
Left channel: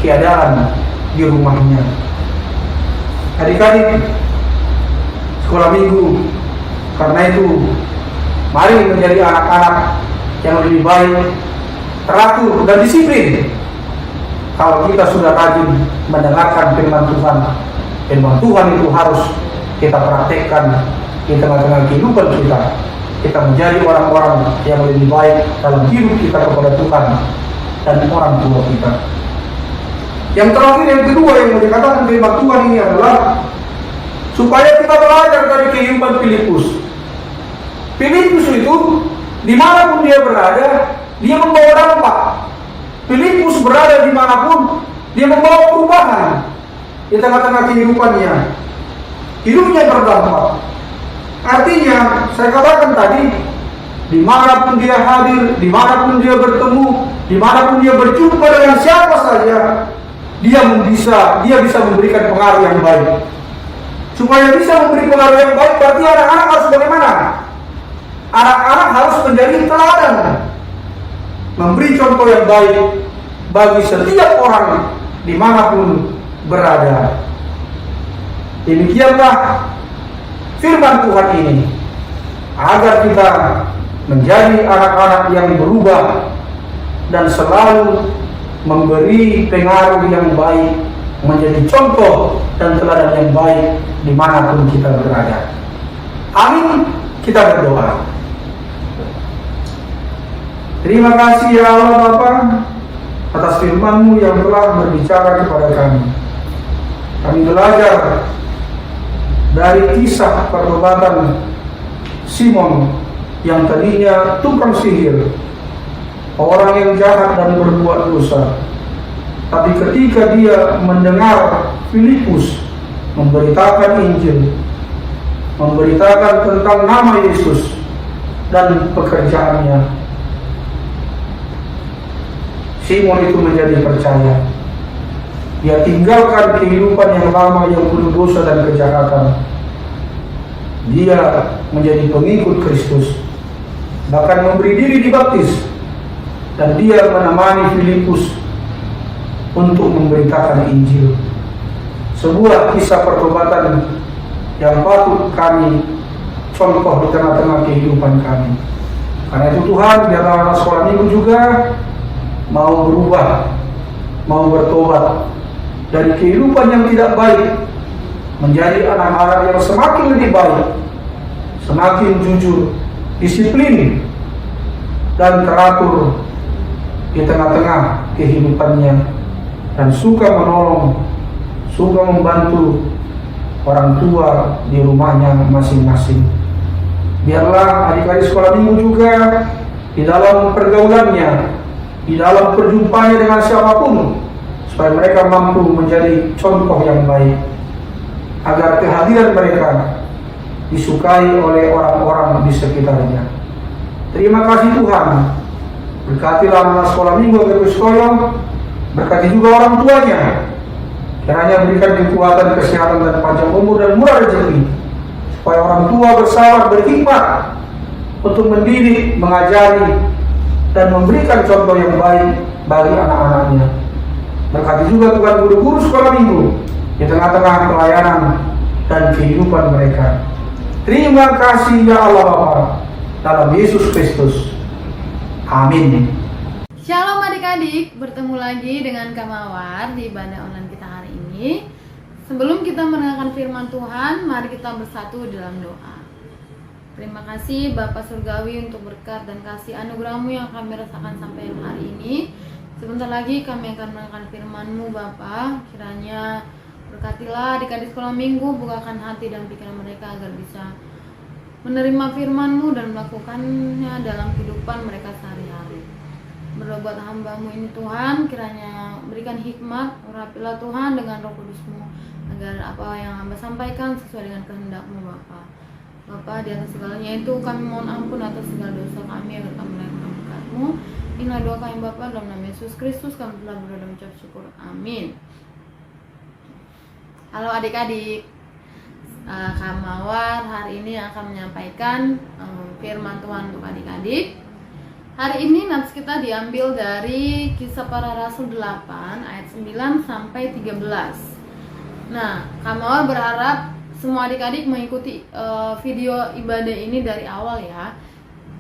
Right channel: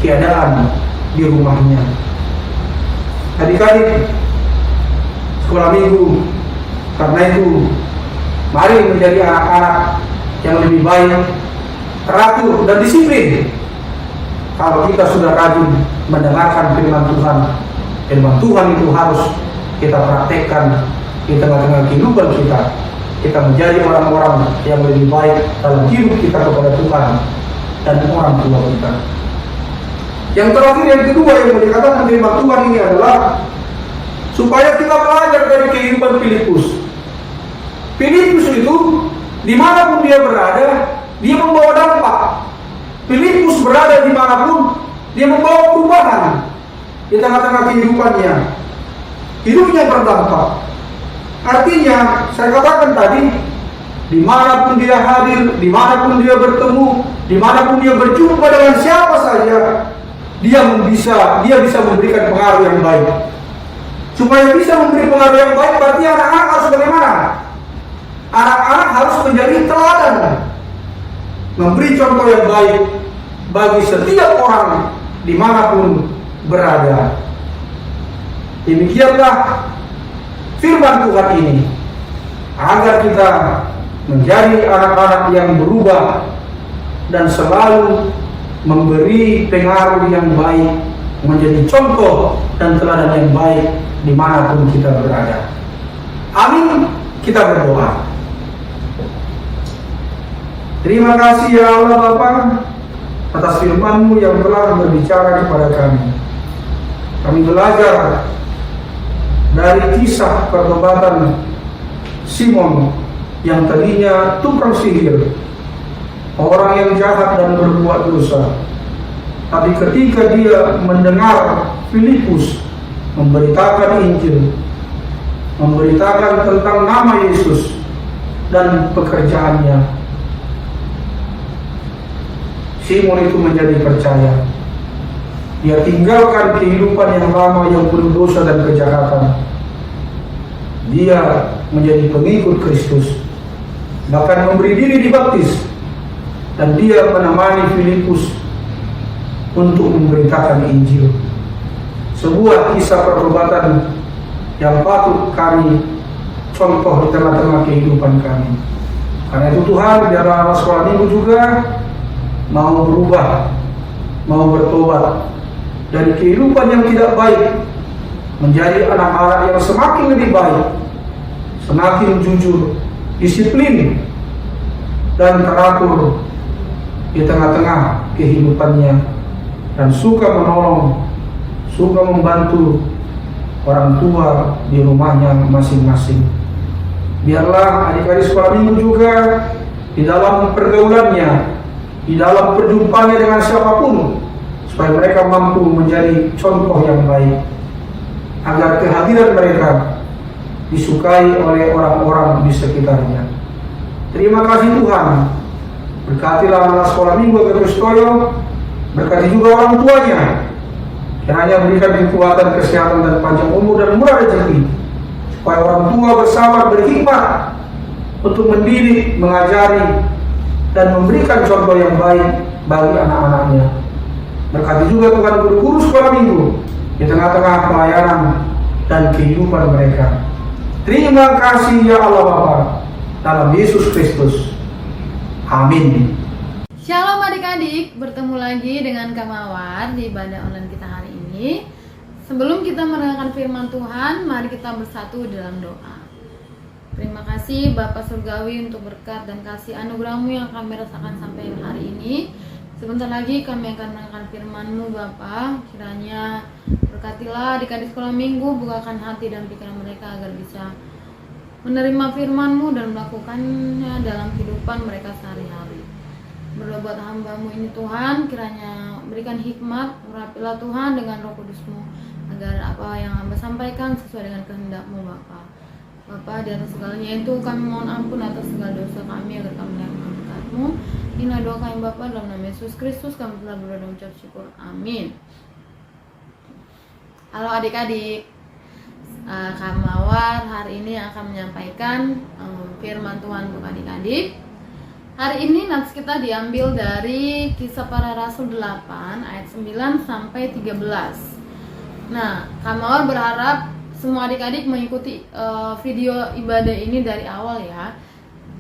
keadaan di rumahnya. Adik-adik sekolah minggu, Karena itu, mari menjadi anak-anak yang lebih baik, teratur dan disiplin. Kalau kita sudah rajin mendengarkan firman Tuhan, firman Tuhan itu harus kita praktekkan di tengah-tengah kehidupan kita. Kita menjadi orang-orang yang lebih baik dalam hidup kita kepada Tuhan dan orang tua kita. Yang terakhir, yang kedua yang mau dikatakan firman Tuhan ini adalah supaya kita belajar dari kehidupan Filipus. Filipus itu dimanapun dia berada, dia membawa dampak. Filipus berada dimanapun, dia membawa perubahan di tengah-tengah kehidupannya. Hidupnya berdampak. Artinya, saya katakan tadi, dimanapun dia hadir, dimanapun dia bertemu, dimanapun dia berjumpa dengan siapa saja, dia bisa memberikan pengaruh yang baik. Supaya bisa memberi pengaruh yang baik, berarti anak-anak harus bagaimana? Anak-anak harus menjadi teladan, memberi contoh yang baik bagi setiap orang dimanapun berada. Demikianlah firman Tuhan ini, agar kita menjadi anak-anak yang berubah dan selalu memberi pengaruh yang baik, menjadi contoh dan teladan yang baik dimanapun kita berada. Amin. Kita berdoa. Terima kasih ya Allah Bapa atas firman-Mu yang telah berbicara kepada kami. Kami belajar dari kisah pertobatan Simon yang tadinya tukang sihir, orang yang jahat dan berbuat dosa. Tapi ketika dia mendengar Filipus memberitakan Injil, memberitakan tentang nama Yesus dan pekerjaannya, Simon itu menjadi percaya. Dia tinggalkan kehidupan yang lama yang penuh dosa dan kejahatan. Dia menjadi pengikut Kristus, bahkan memberi diri dibaptis, dan dia menemani Filipus untuk memberitakan Injil. Sebuah kisah pertobatan yang patut kami contoh di tengah-tengah kehidupan kami. Karena itu Tuhan, biarlah anak sekolah minggu juga mau berubah, mau bertobat dari kehidupan yang tidak baik, menjadi anak-anak yang semakin lebih baik, semakin jujur, disiplin, dan teratur di tengah-tengah kehidupannya, dan suka menolong, suka membantu orang tua di rumahnya masing-masing. Biarlah adik-adik sekolah minggu juga di dalam pergaulannya, di dalam perjumpaannya dengan siapapun, supaya mereka mampu menjadi contoh yang baik, agar kehadiran mereka disukai oleh orang-orang di sekitarnya. Terima kasih Tuhan. Berkatilah anak sekolah minggu Agus Toyo, berkati juga orang tuanya. Kiranya berikan kekuatan, kesehatan, dan panjang umur dan murah rezeki, supaya orang tua bersabar, berhikmat untuk mendidik, mengajari, dan memberikan contoh yang baik bagi anak-anaknya. Berkati juga Tuhan guru-guru sekolah minggu di tengah-tengah pelayanan dan kehidupan mereka. Terima kasih ya Allah Bapa, dalam Yesus Kristus. Amin. Shalom adik-adik, bertemu lagi dengan Kak Mawar di ibadah online kita hari ini. Sebelum kita mendengarkan firman Tuhan, mari kita bersatu dalam doa. Terima kasih Bapa Surgawi untuk berkat dan kasih anugerah-Mu yang kami rasakan sampai hari ini. Sebentar lagi kami akan mendengarkan firman-Mu Bapa. Kiranya berkatilah adik-adik sekolah minggu, bukakan hati dan pikiran mereka agar bisa menerima firman-Mu dan melakukannya dalam kehidupan mereka sehari-hari. Berdoa buat hamba-Mu ini Tuhan, kiranya berikan hikmat, urapilah Tuhan dengan Roh Kudus-Mu, agar apa yang hamba sampaikan sesuai dengan kehendak-Mu Bapa. Bapa, di atas segalanya itu kami mohon ampun atas segala dosa kami, agar kami layak berkat-Mu. Inilah doa kami Bapa, dalam nama Yesus Kristus kami telah berdoa dan mengucap syukur. Amin. Halo adik-adik, Kak Mawar hari ini akan menyampaikan firman Tuhan untuk adik-adik. Hari ini nats kita diambil dari Kisah Para Rasul 8 ayat 9 sampai 13. Nah, Kak Mawar berharap semua adik-adik mengikuti video ibadah ini dari awal ya.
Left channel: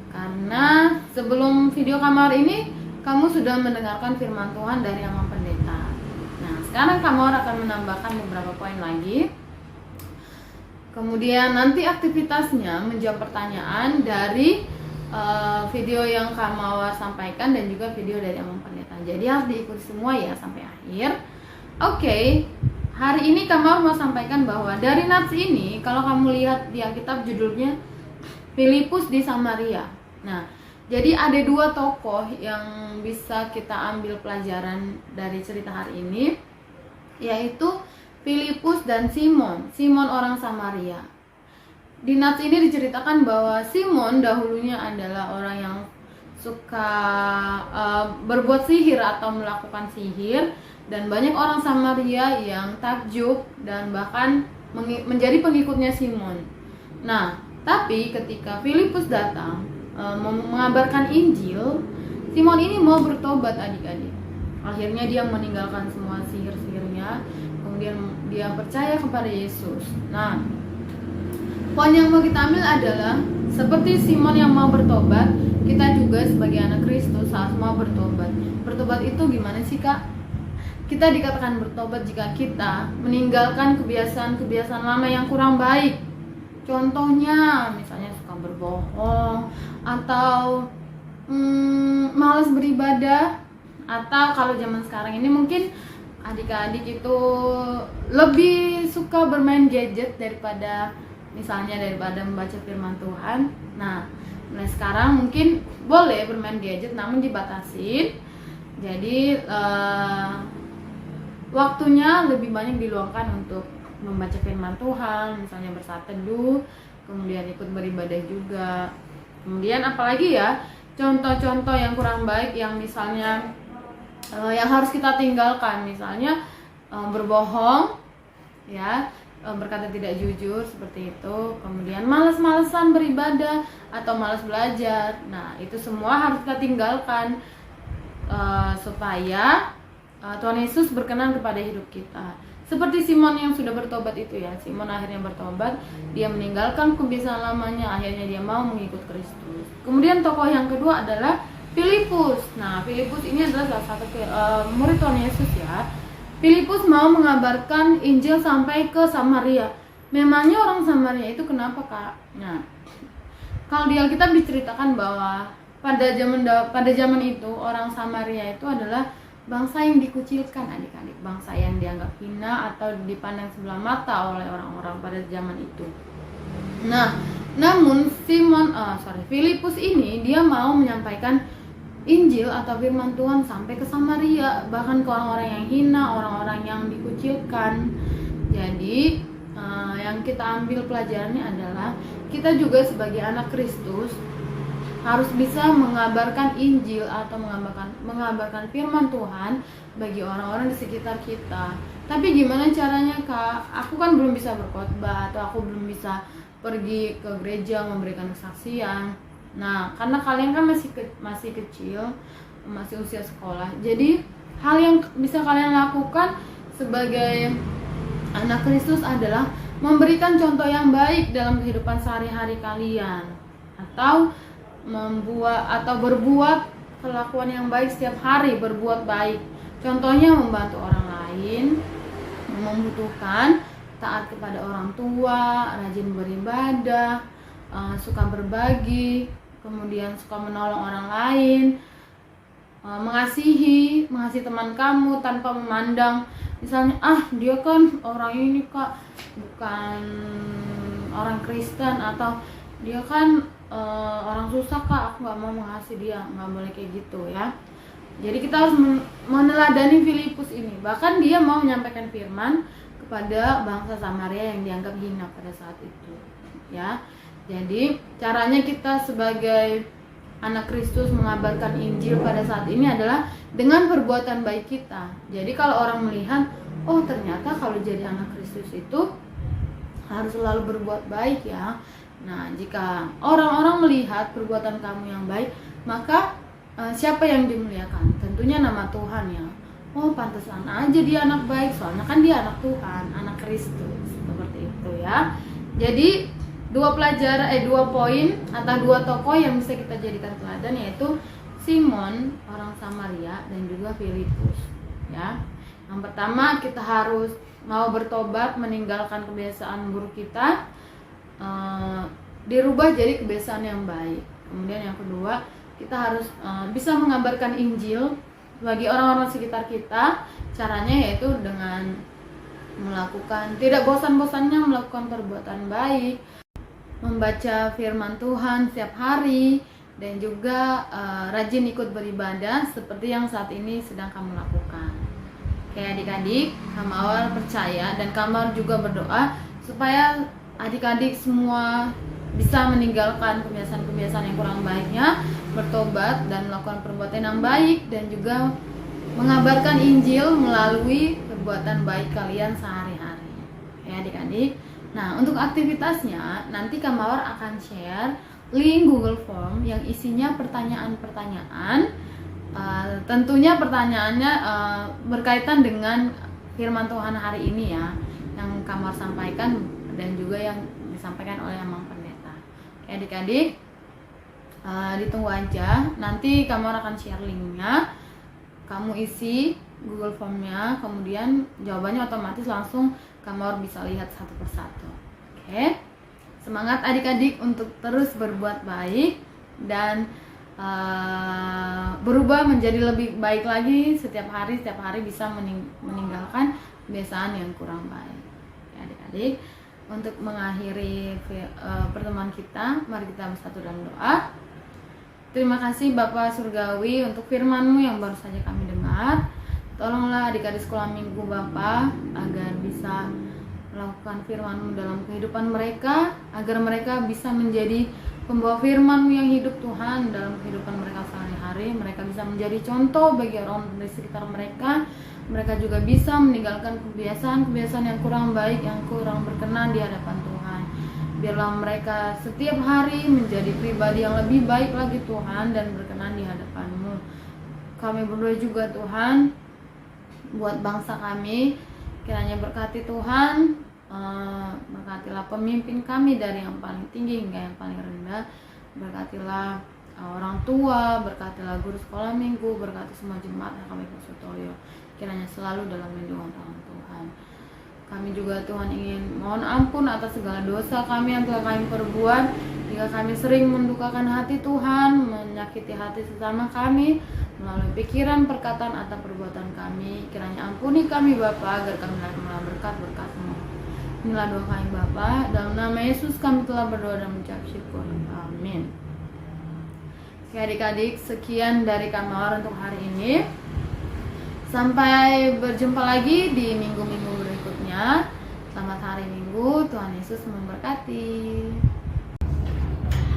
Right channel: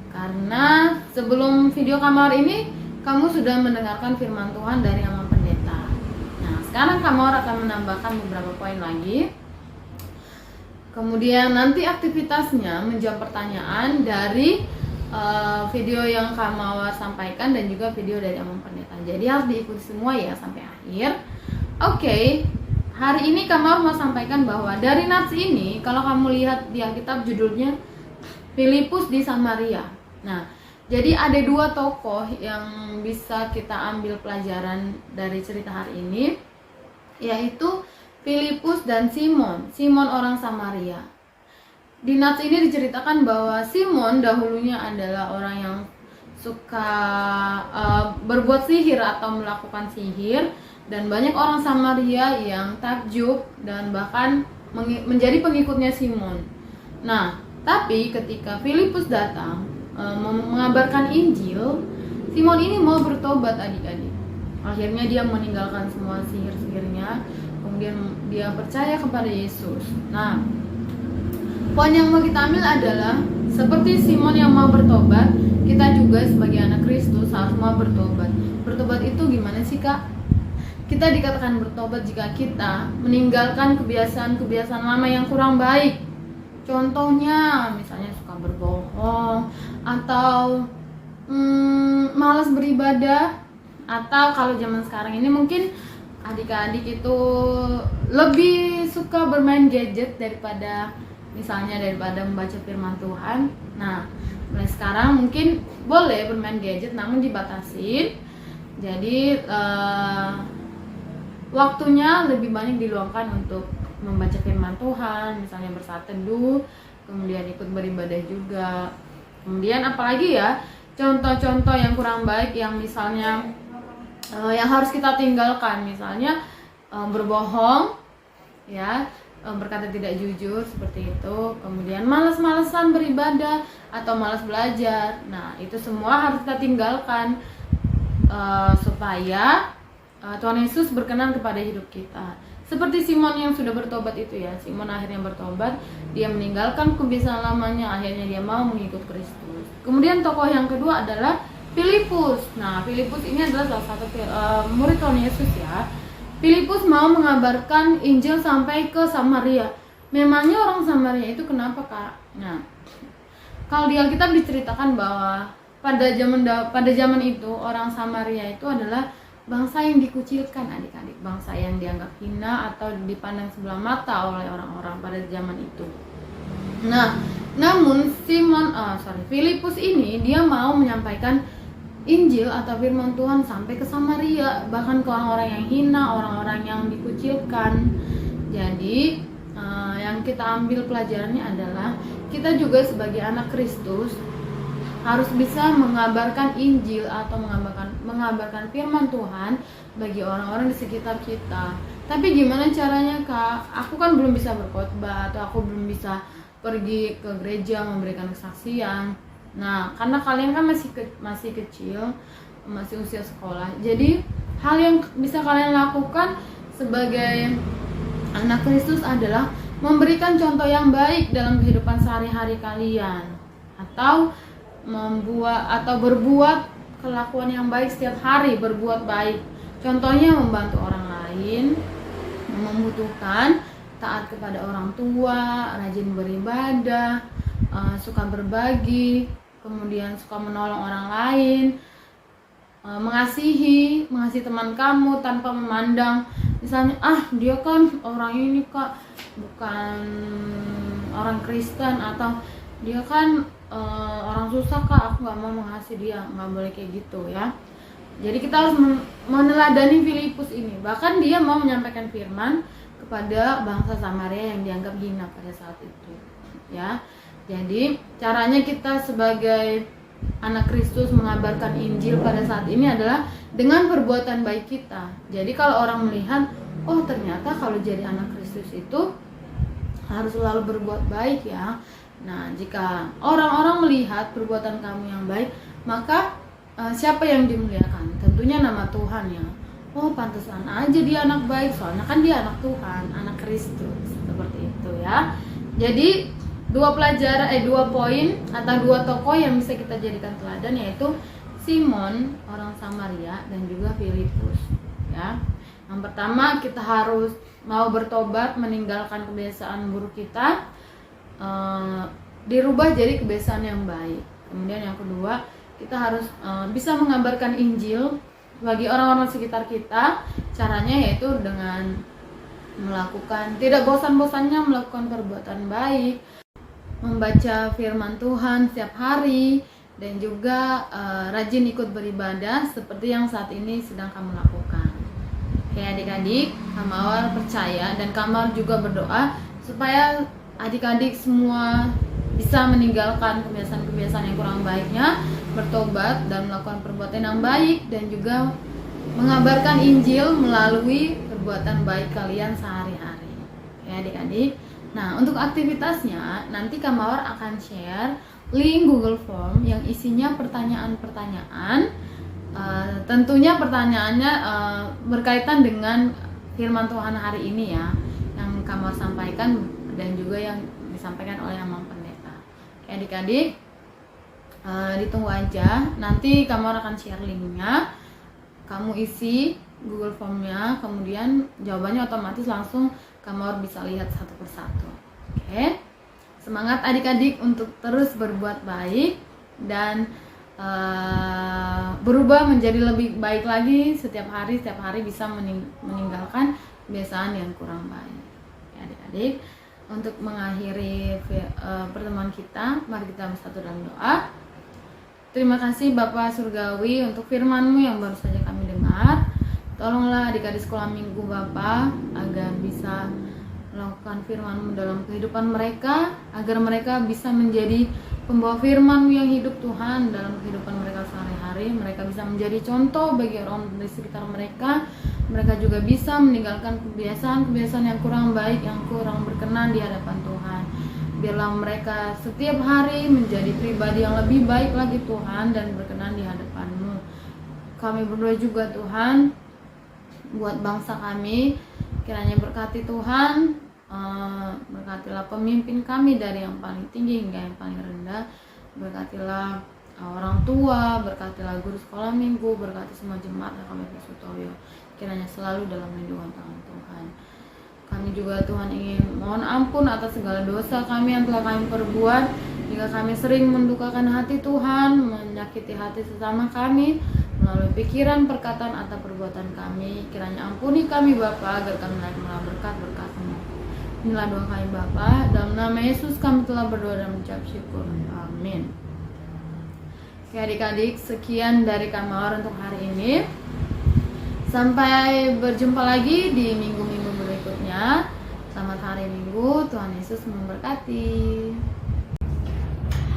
Karena sebelum video Kamawar ini kamu sudah mendengarkan firman Tuhan dari Amang Pendeta. Nah, sekarang Kamawar akan menambahkan beberapa poin lagi. Kemudian nanti aktivitasnya menjawab pertanyaan dari video yang Kamawar sampaikan dan juga video dari Amang Pendeta. Jadi harus diikuti semua ya sampai akhir. Oke, hari ini Kamawar mau sampaikan bahwa dari nats ini, kalau kamu lihat di Alkitab judulnya Filipus di Samaria. Nah, jadi ada dua tokoh yang bisa kita ambil pelajaran dari cerita hari ini, yaitu Filipus dan Simon orang Samaria. Di nats ini diceritakan bahwa Simon dahulunya adalah orang yang suka berbuat sihir atau melakukan sihir, dan banyak orang Samaria yang takjub dan bahkan menjadi pengikutnya Simon. Nah, tapi ketika Filipus datang mengabarkan Injil, Simon ini mau bertobat adik-adik. Akhirnya dia meninggalkan semua sihir-sihirnya, kemudian dia percaya kepada Yesus. Nah, poin yang mau kita ambil adalah seperti Simon yang mau bertobat, kita juga sebagai anak Kristus harus mau bertobat. Bertobat itu gimana sih Kak? Kita dikatakan bertobat jika kita meninggalkan kebiasaan-kebiasaan lama yang kurang baik. Contohnya misalnya suka berbohong, atau malas beribadah, atau kalau zaman sekarang ini mungkin adik-adik itu lebih suka bermain gadget daripada membaca firman Tuhan. Nah, mulai sekarang mungkin boleh bermain gadget namun dibatasin. Jadi waktunya lebih banyak diluangkan untuk membaca firman Tuhan, misalnya bersaat teduh, kemudian ikut beribadah juga. Kemudian apalagi ya, contoh-contoh yang kurang baik yang misalnya yang harus kita tinggalkan, misalnya berbohong ya, berkata tidak jujur seperti itu, kemudian malas-malasan beribadah atau malas belajar. Nah, itu semua harus kita tinggalkan supaya Tuhan Yesus berkenan kepada hidup kita. Seperti Simon yang sudah bertobat itu ya, Simon akhirnya bertobat, dia meninggalkan kebiasaan lamanya, akhirnya dia mau mengikut Kristus. Kemudian tokoh yang kedua adalah Filipus. Nah, Filipus ini adalah salah satu murid Tuhan Yesus ya. Filipus mau mengabarkan Injil sampai ke Samaria. Memangnya orang Samaria itu kenapa Kak? Nah, kalau di Alkitab diceritakan bahwa pada zaman itu orang Samaria itu adalah bangsa yang dikucilkan adik-adik, bangsa yang dianggap hina atau dipandang sebelah mata oleh orang-orang pada zaman itu. Nah, namun Filipus ini dia mau menyampaikan Injil atau firman Tuhan sampai ke Samaria, bahkan ke orang-orang yang hina, orang-orang yang dikucilkan. Jadi yang kita ambil pelajarannya adalah kita juga sebagai anak Kristus harus bisa mengabarkan Injil atau mengabarkan firman Tuhan bagi orang-orang di sekitar kita. Tapi gimana caranya Kak? Aku kan belum bisa berkhotbah, atau aku belum bisa pergi ke gereja memberikan kesaksian. Nah, karena kalian kan masih kecil, masih usia sekolah. Jadi hal yang bisa kalian lakukan sebagai anak Kristus adalah memberikan contoh yang baik dalam kehidupan sehari-hari kalian, atau berbuat kelakuan yang baik setiap hari, berbuat baik. Contohnya membantu orang lain yang membutuhkan, taat kepada orang tua, rajin beribadah, suka berbagi, kemudian suka menolong orang lain, mengasihi teman kamu tanpa memandang misalnya dia kan orang ini Kak bukan orang Kristen, atau dia kan orang susah Kak, aku gak mau mengasihi dia. Gak boleh kayak gitu ya. Jadi kita harus meneladani Filipus ini. Bahkan dia mau menyampaikan firman kepada bangsa Samaria yang dianggap hina pada saat itu ya. Jadi caranya kita sebagai anak Kristus mengabarkan Injil pada saat ini adalah dengan perbuatan baik kita. Jadi kalau orang melihat, oh ternyata kalau jadi anak Kristus itu harus selalu berbuat baik ya. Nah, jika orang-orang melihat perbuatan kamu yang baik, maka siapa yang dimuliakan? Tentunya nama Tuhan ya. Oh, pantesan aja dia anak baik, soalnya kan dia anak Tuhan, anak Kristus, seperti itu. gitu ya. Jadi dua poin atau dua tokoh yang bisa kita jadikan teladan, yaitu Simon orang Samaria dan juga Filipus ya. Yang pertama, kita harus mau bertobat, meninggalkan kebiasaan buruk kita, dirubah jadi kebiasaan yang baik. Kemudian yang kedua, kita harus bisa mengabarkan Injil bagi orang-orang sekitar kita. Caranya yaitu dengan melakukan, tidak bosan-bosannya melakukan perbuatan baik, membaca firman Tuhan setiap hari, dan juga rajin ikut beribadah seperti yang saat ini sedang kamu lakukan. Oke adik-adik, Kamawar percaya dan Kamawar juga berdoa supaya adik-adik semua bisa meninggalkan kebiasaan-kebiasaan yang kurang baiknya, bertobat dan melakukan perbuatan yang baik, dan juga mengabarkan Injil melalui perbuatan baik kalian sehari-hari. Ya adik-adik. Nah, untuk aktivitasnya nanti Kamawar akan share link Google Form yang isinya pertanyaan-pertanyaan. Tentunya pertanyaannya berkaitan dengan firman Tuhan hari ini ya, yang Kamawar sampaikan dan juga yang disampaikan oleh Amang Pendeta. Oke adik-adik, ditunggu aja. Nanti Kamawar akan share linknya. Kamu isi Google Formnya, kemudian jawabannya otomatis langsung Kamawar bisa lihat satu persatu. Oke, semangat adik-adik untuk terus berbuat baik dan berubah menjadi lebih baik lagi setiap hari bisa meninggalkan kebiasaan yang kurang baik. Oke, adik-adik, untuk mengakhiri pertemuan kita, mari kita bersatu dalam doa. Terima kasih Bapak Surgawi untuk firman-Mu yang baru saja kami dengar. Tolonglah adik-adik sekolah minggu Bapak agar bisa melakukan firman-Mu dalam kehidupan mereka, agar mereka bisa menjadi pembawa firman-Mu yang hidup Tuhan dalam kehidupan mereka sehari-hari. Mereka bisa menjadi contoh bagi orang di sekitar mereka. Mereka juga bisa meninggalkan kebiasaan-kebiasaan yang kurang baik, yang kurang berkenan di hadapan Tuhan. Biarlah mereka setiap hari menjadi pribadi yang lebih baik lagi Tuhan dan berkenan di hadapan-Mu. Kami berdoa juga Tuhan buat bangsa kami, kiranya berkati Tuhan, berkatilah pemimpin kami dari yang paling tinggi hingga yang paling rendah. Berkatilah orang tua, berkatilah guru sekolah minggu, berkati semua jemaat HKBP Sutoyo, kiranya selalu dalam lindungan tangan Tuhan. Kami juga Tuhan ingin mohon ampun atas segala dosa kami yang telah kami perbuat. Jika kami sering mendukakan hati Tuhan, menyakiti hati sesama kami melalui pikiran, perkataan, atau perbuatan kami, kiranya ampuni kami Bapa, agar kami menerima berkat-berkat-Mu. Inilah doa kami Bapa, dalam nama Yesus kami telah berdoa dan mengucap syukur. Amin. Oke adik-adik, sekian dari Kamawar untuk hari ini. Sampai berjumpa lagi di minggu-minggu berikutnya. Selamat hari Minggu, Tuhan Yesus memberkati.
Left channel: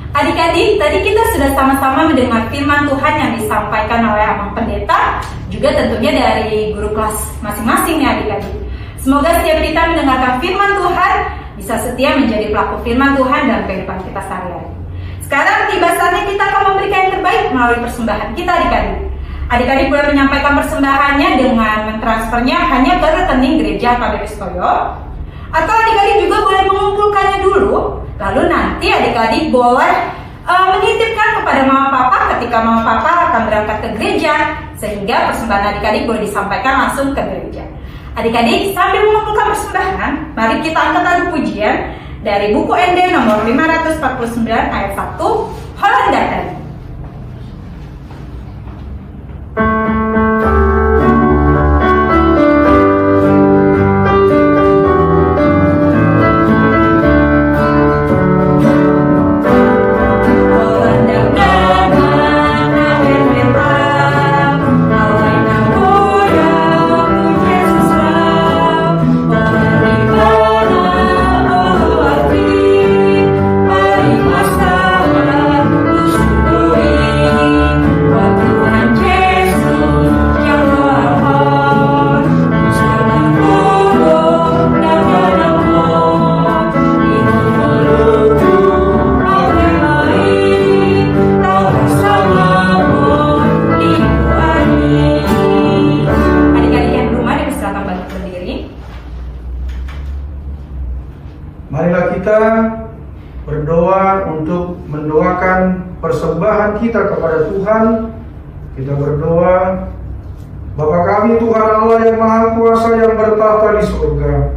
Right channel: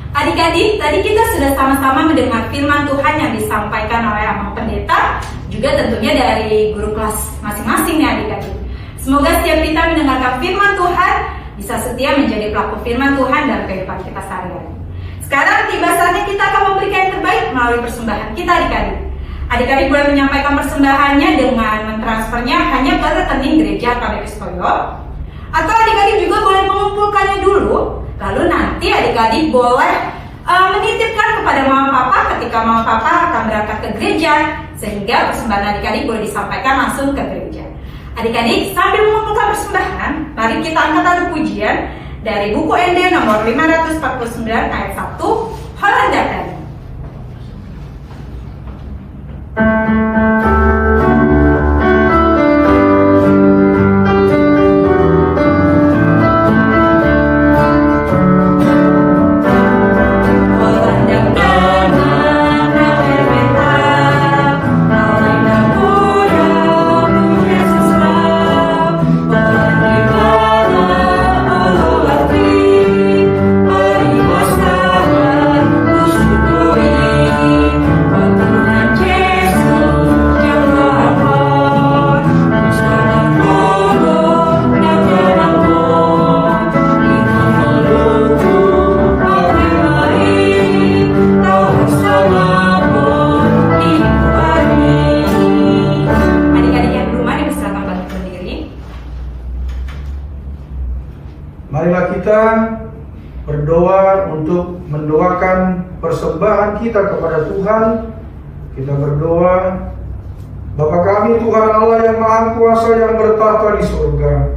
Adik-adik, tadi kita sudah sama-sama mendengar firman Tuhan yang disampaikan oleh Amang Pendeta, juga tentunya dari guru kelas masing-masing ya adik-adik. Semoga setiap kita mendengarkan firman Tuhan bisa setia menjadi pelaku firman Tuhan dalam kehidupan kita sehari-hari. Sekarang tiba saatnya kita akan memberikan yang terbaik melalui persembahan kita adik-adik. Adik-adik boleh menyampaikan persembahannya dengan mentransfernya hanya ke rekening gereja HKBP Sutoyo, atau adik-adik juga boleh mengumpulkannya dulu, lalu nanti adik-adik boleh menitipkan kepada mama papa ketika mama papa akan berangkat ke gereja, sehingga persembahan adik-adik boleh disampaikan langsung ke gereja. Adik-adik sambil mengumpulkan persembahan, mari kita angkat lagu pujian dari buku ND nomor 549 ayat 1, Holanda Dari. Tuhan persembahan kita kepada Tuhan, kita berdoa. Bapa kami Tuhan Allah yang Maha Kuasa yang bertahta di surga,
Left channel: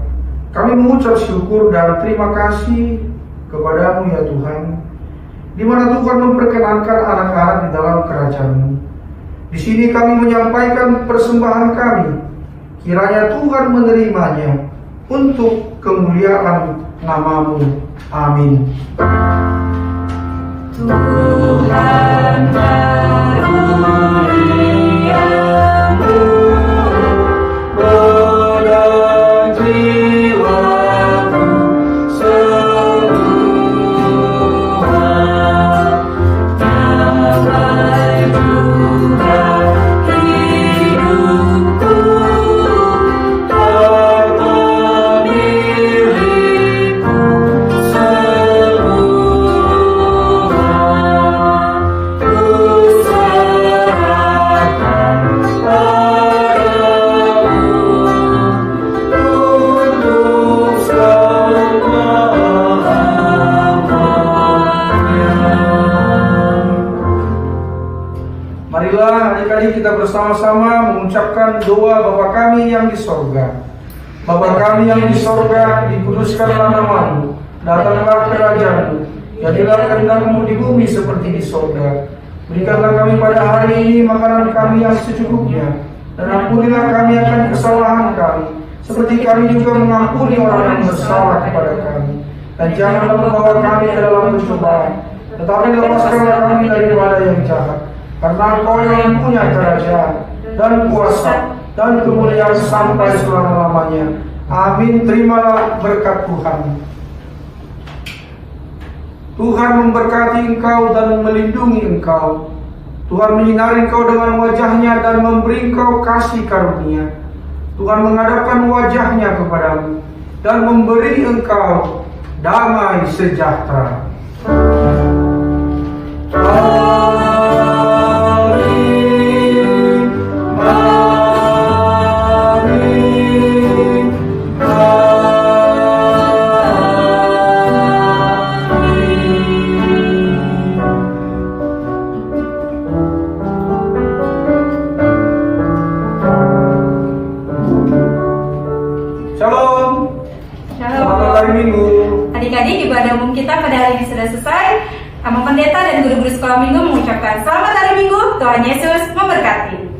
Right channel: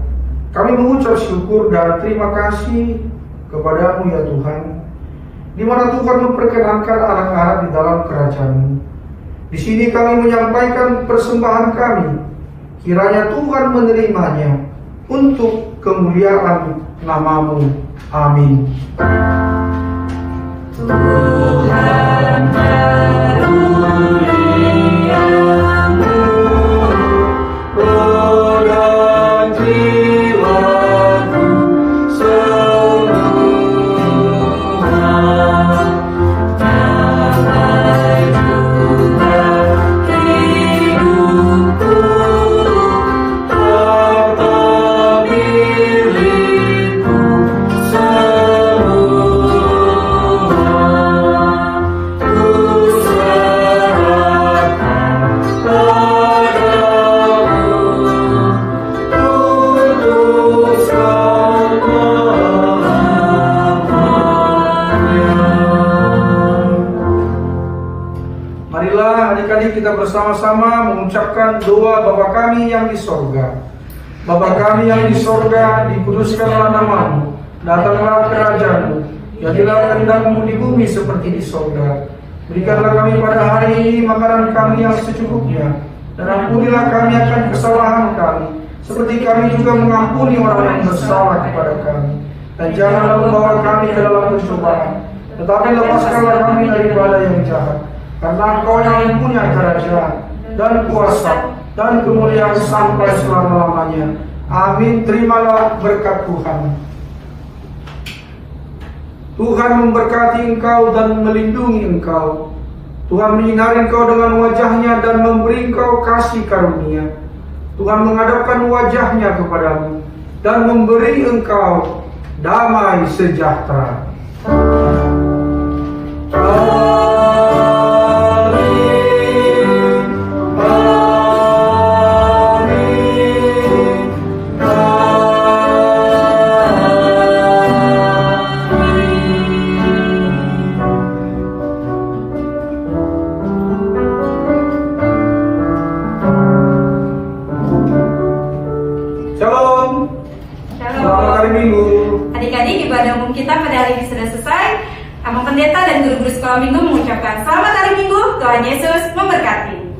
kami mengucap syukur dan terima kasih kepada-Mu ya Tuhan, di mana Tuhan memperkenankan anak-anak di dalam kerajaan-Mu. Di sini kami menyampaikan persembahan kami, kiranya Tuhan menerimanya untuk kemuliaan nama-Mu. Amin. Tuhan karuniamu, roh dan jiwaku semua, damai juga hidupku, karena milikku semua. Marilah adik-adik kita bersama-sama mengucapkan doa Bapa kami yang di sorga. Bapa kami yang di sorga, dikuduskanlah nama-Mu, datanglah kerajaan-Mu, jadilah kehendak-Mu di bumi seperti di sorga. Berikanlah kami pada hari ini makanan kami yang secukupnya, dan ampunilah kami akan kesalahan kami, seperti kami juga mengampuni orang yang bersalah kepada kami. Dan janganlah membawa kami ke dalam pencobaan, tetapi lepaskanlah kami daripada yang jahat. Karena Engkau yang punya kerajaan dan kuasa dan kemuliaan sampai selama-lamanya. Amin. Terimalah berkat Tuhan. Tuhan memberkati engkau dan melindungi engkau. Tuhan menyinari engkau dengan wajah-Nya dan memberi engkau kasih karunia. Tuhan menghadapkan wajah-Nya kepadamu dan memberi engkau damai sejahtera. Shalom. Selamat hari Minggu. Adik-adik, ibadah umum kita pada hari ini sudah selesai. Sama pendeta dan guru-guru sekolah minggu mengucapkan selamat hari Minggu. Tuhan Yesus memberkati.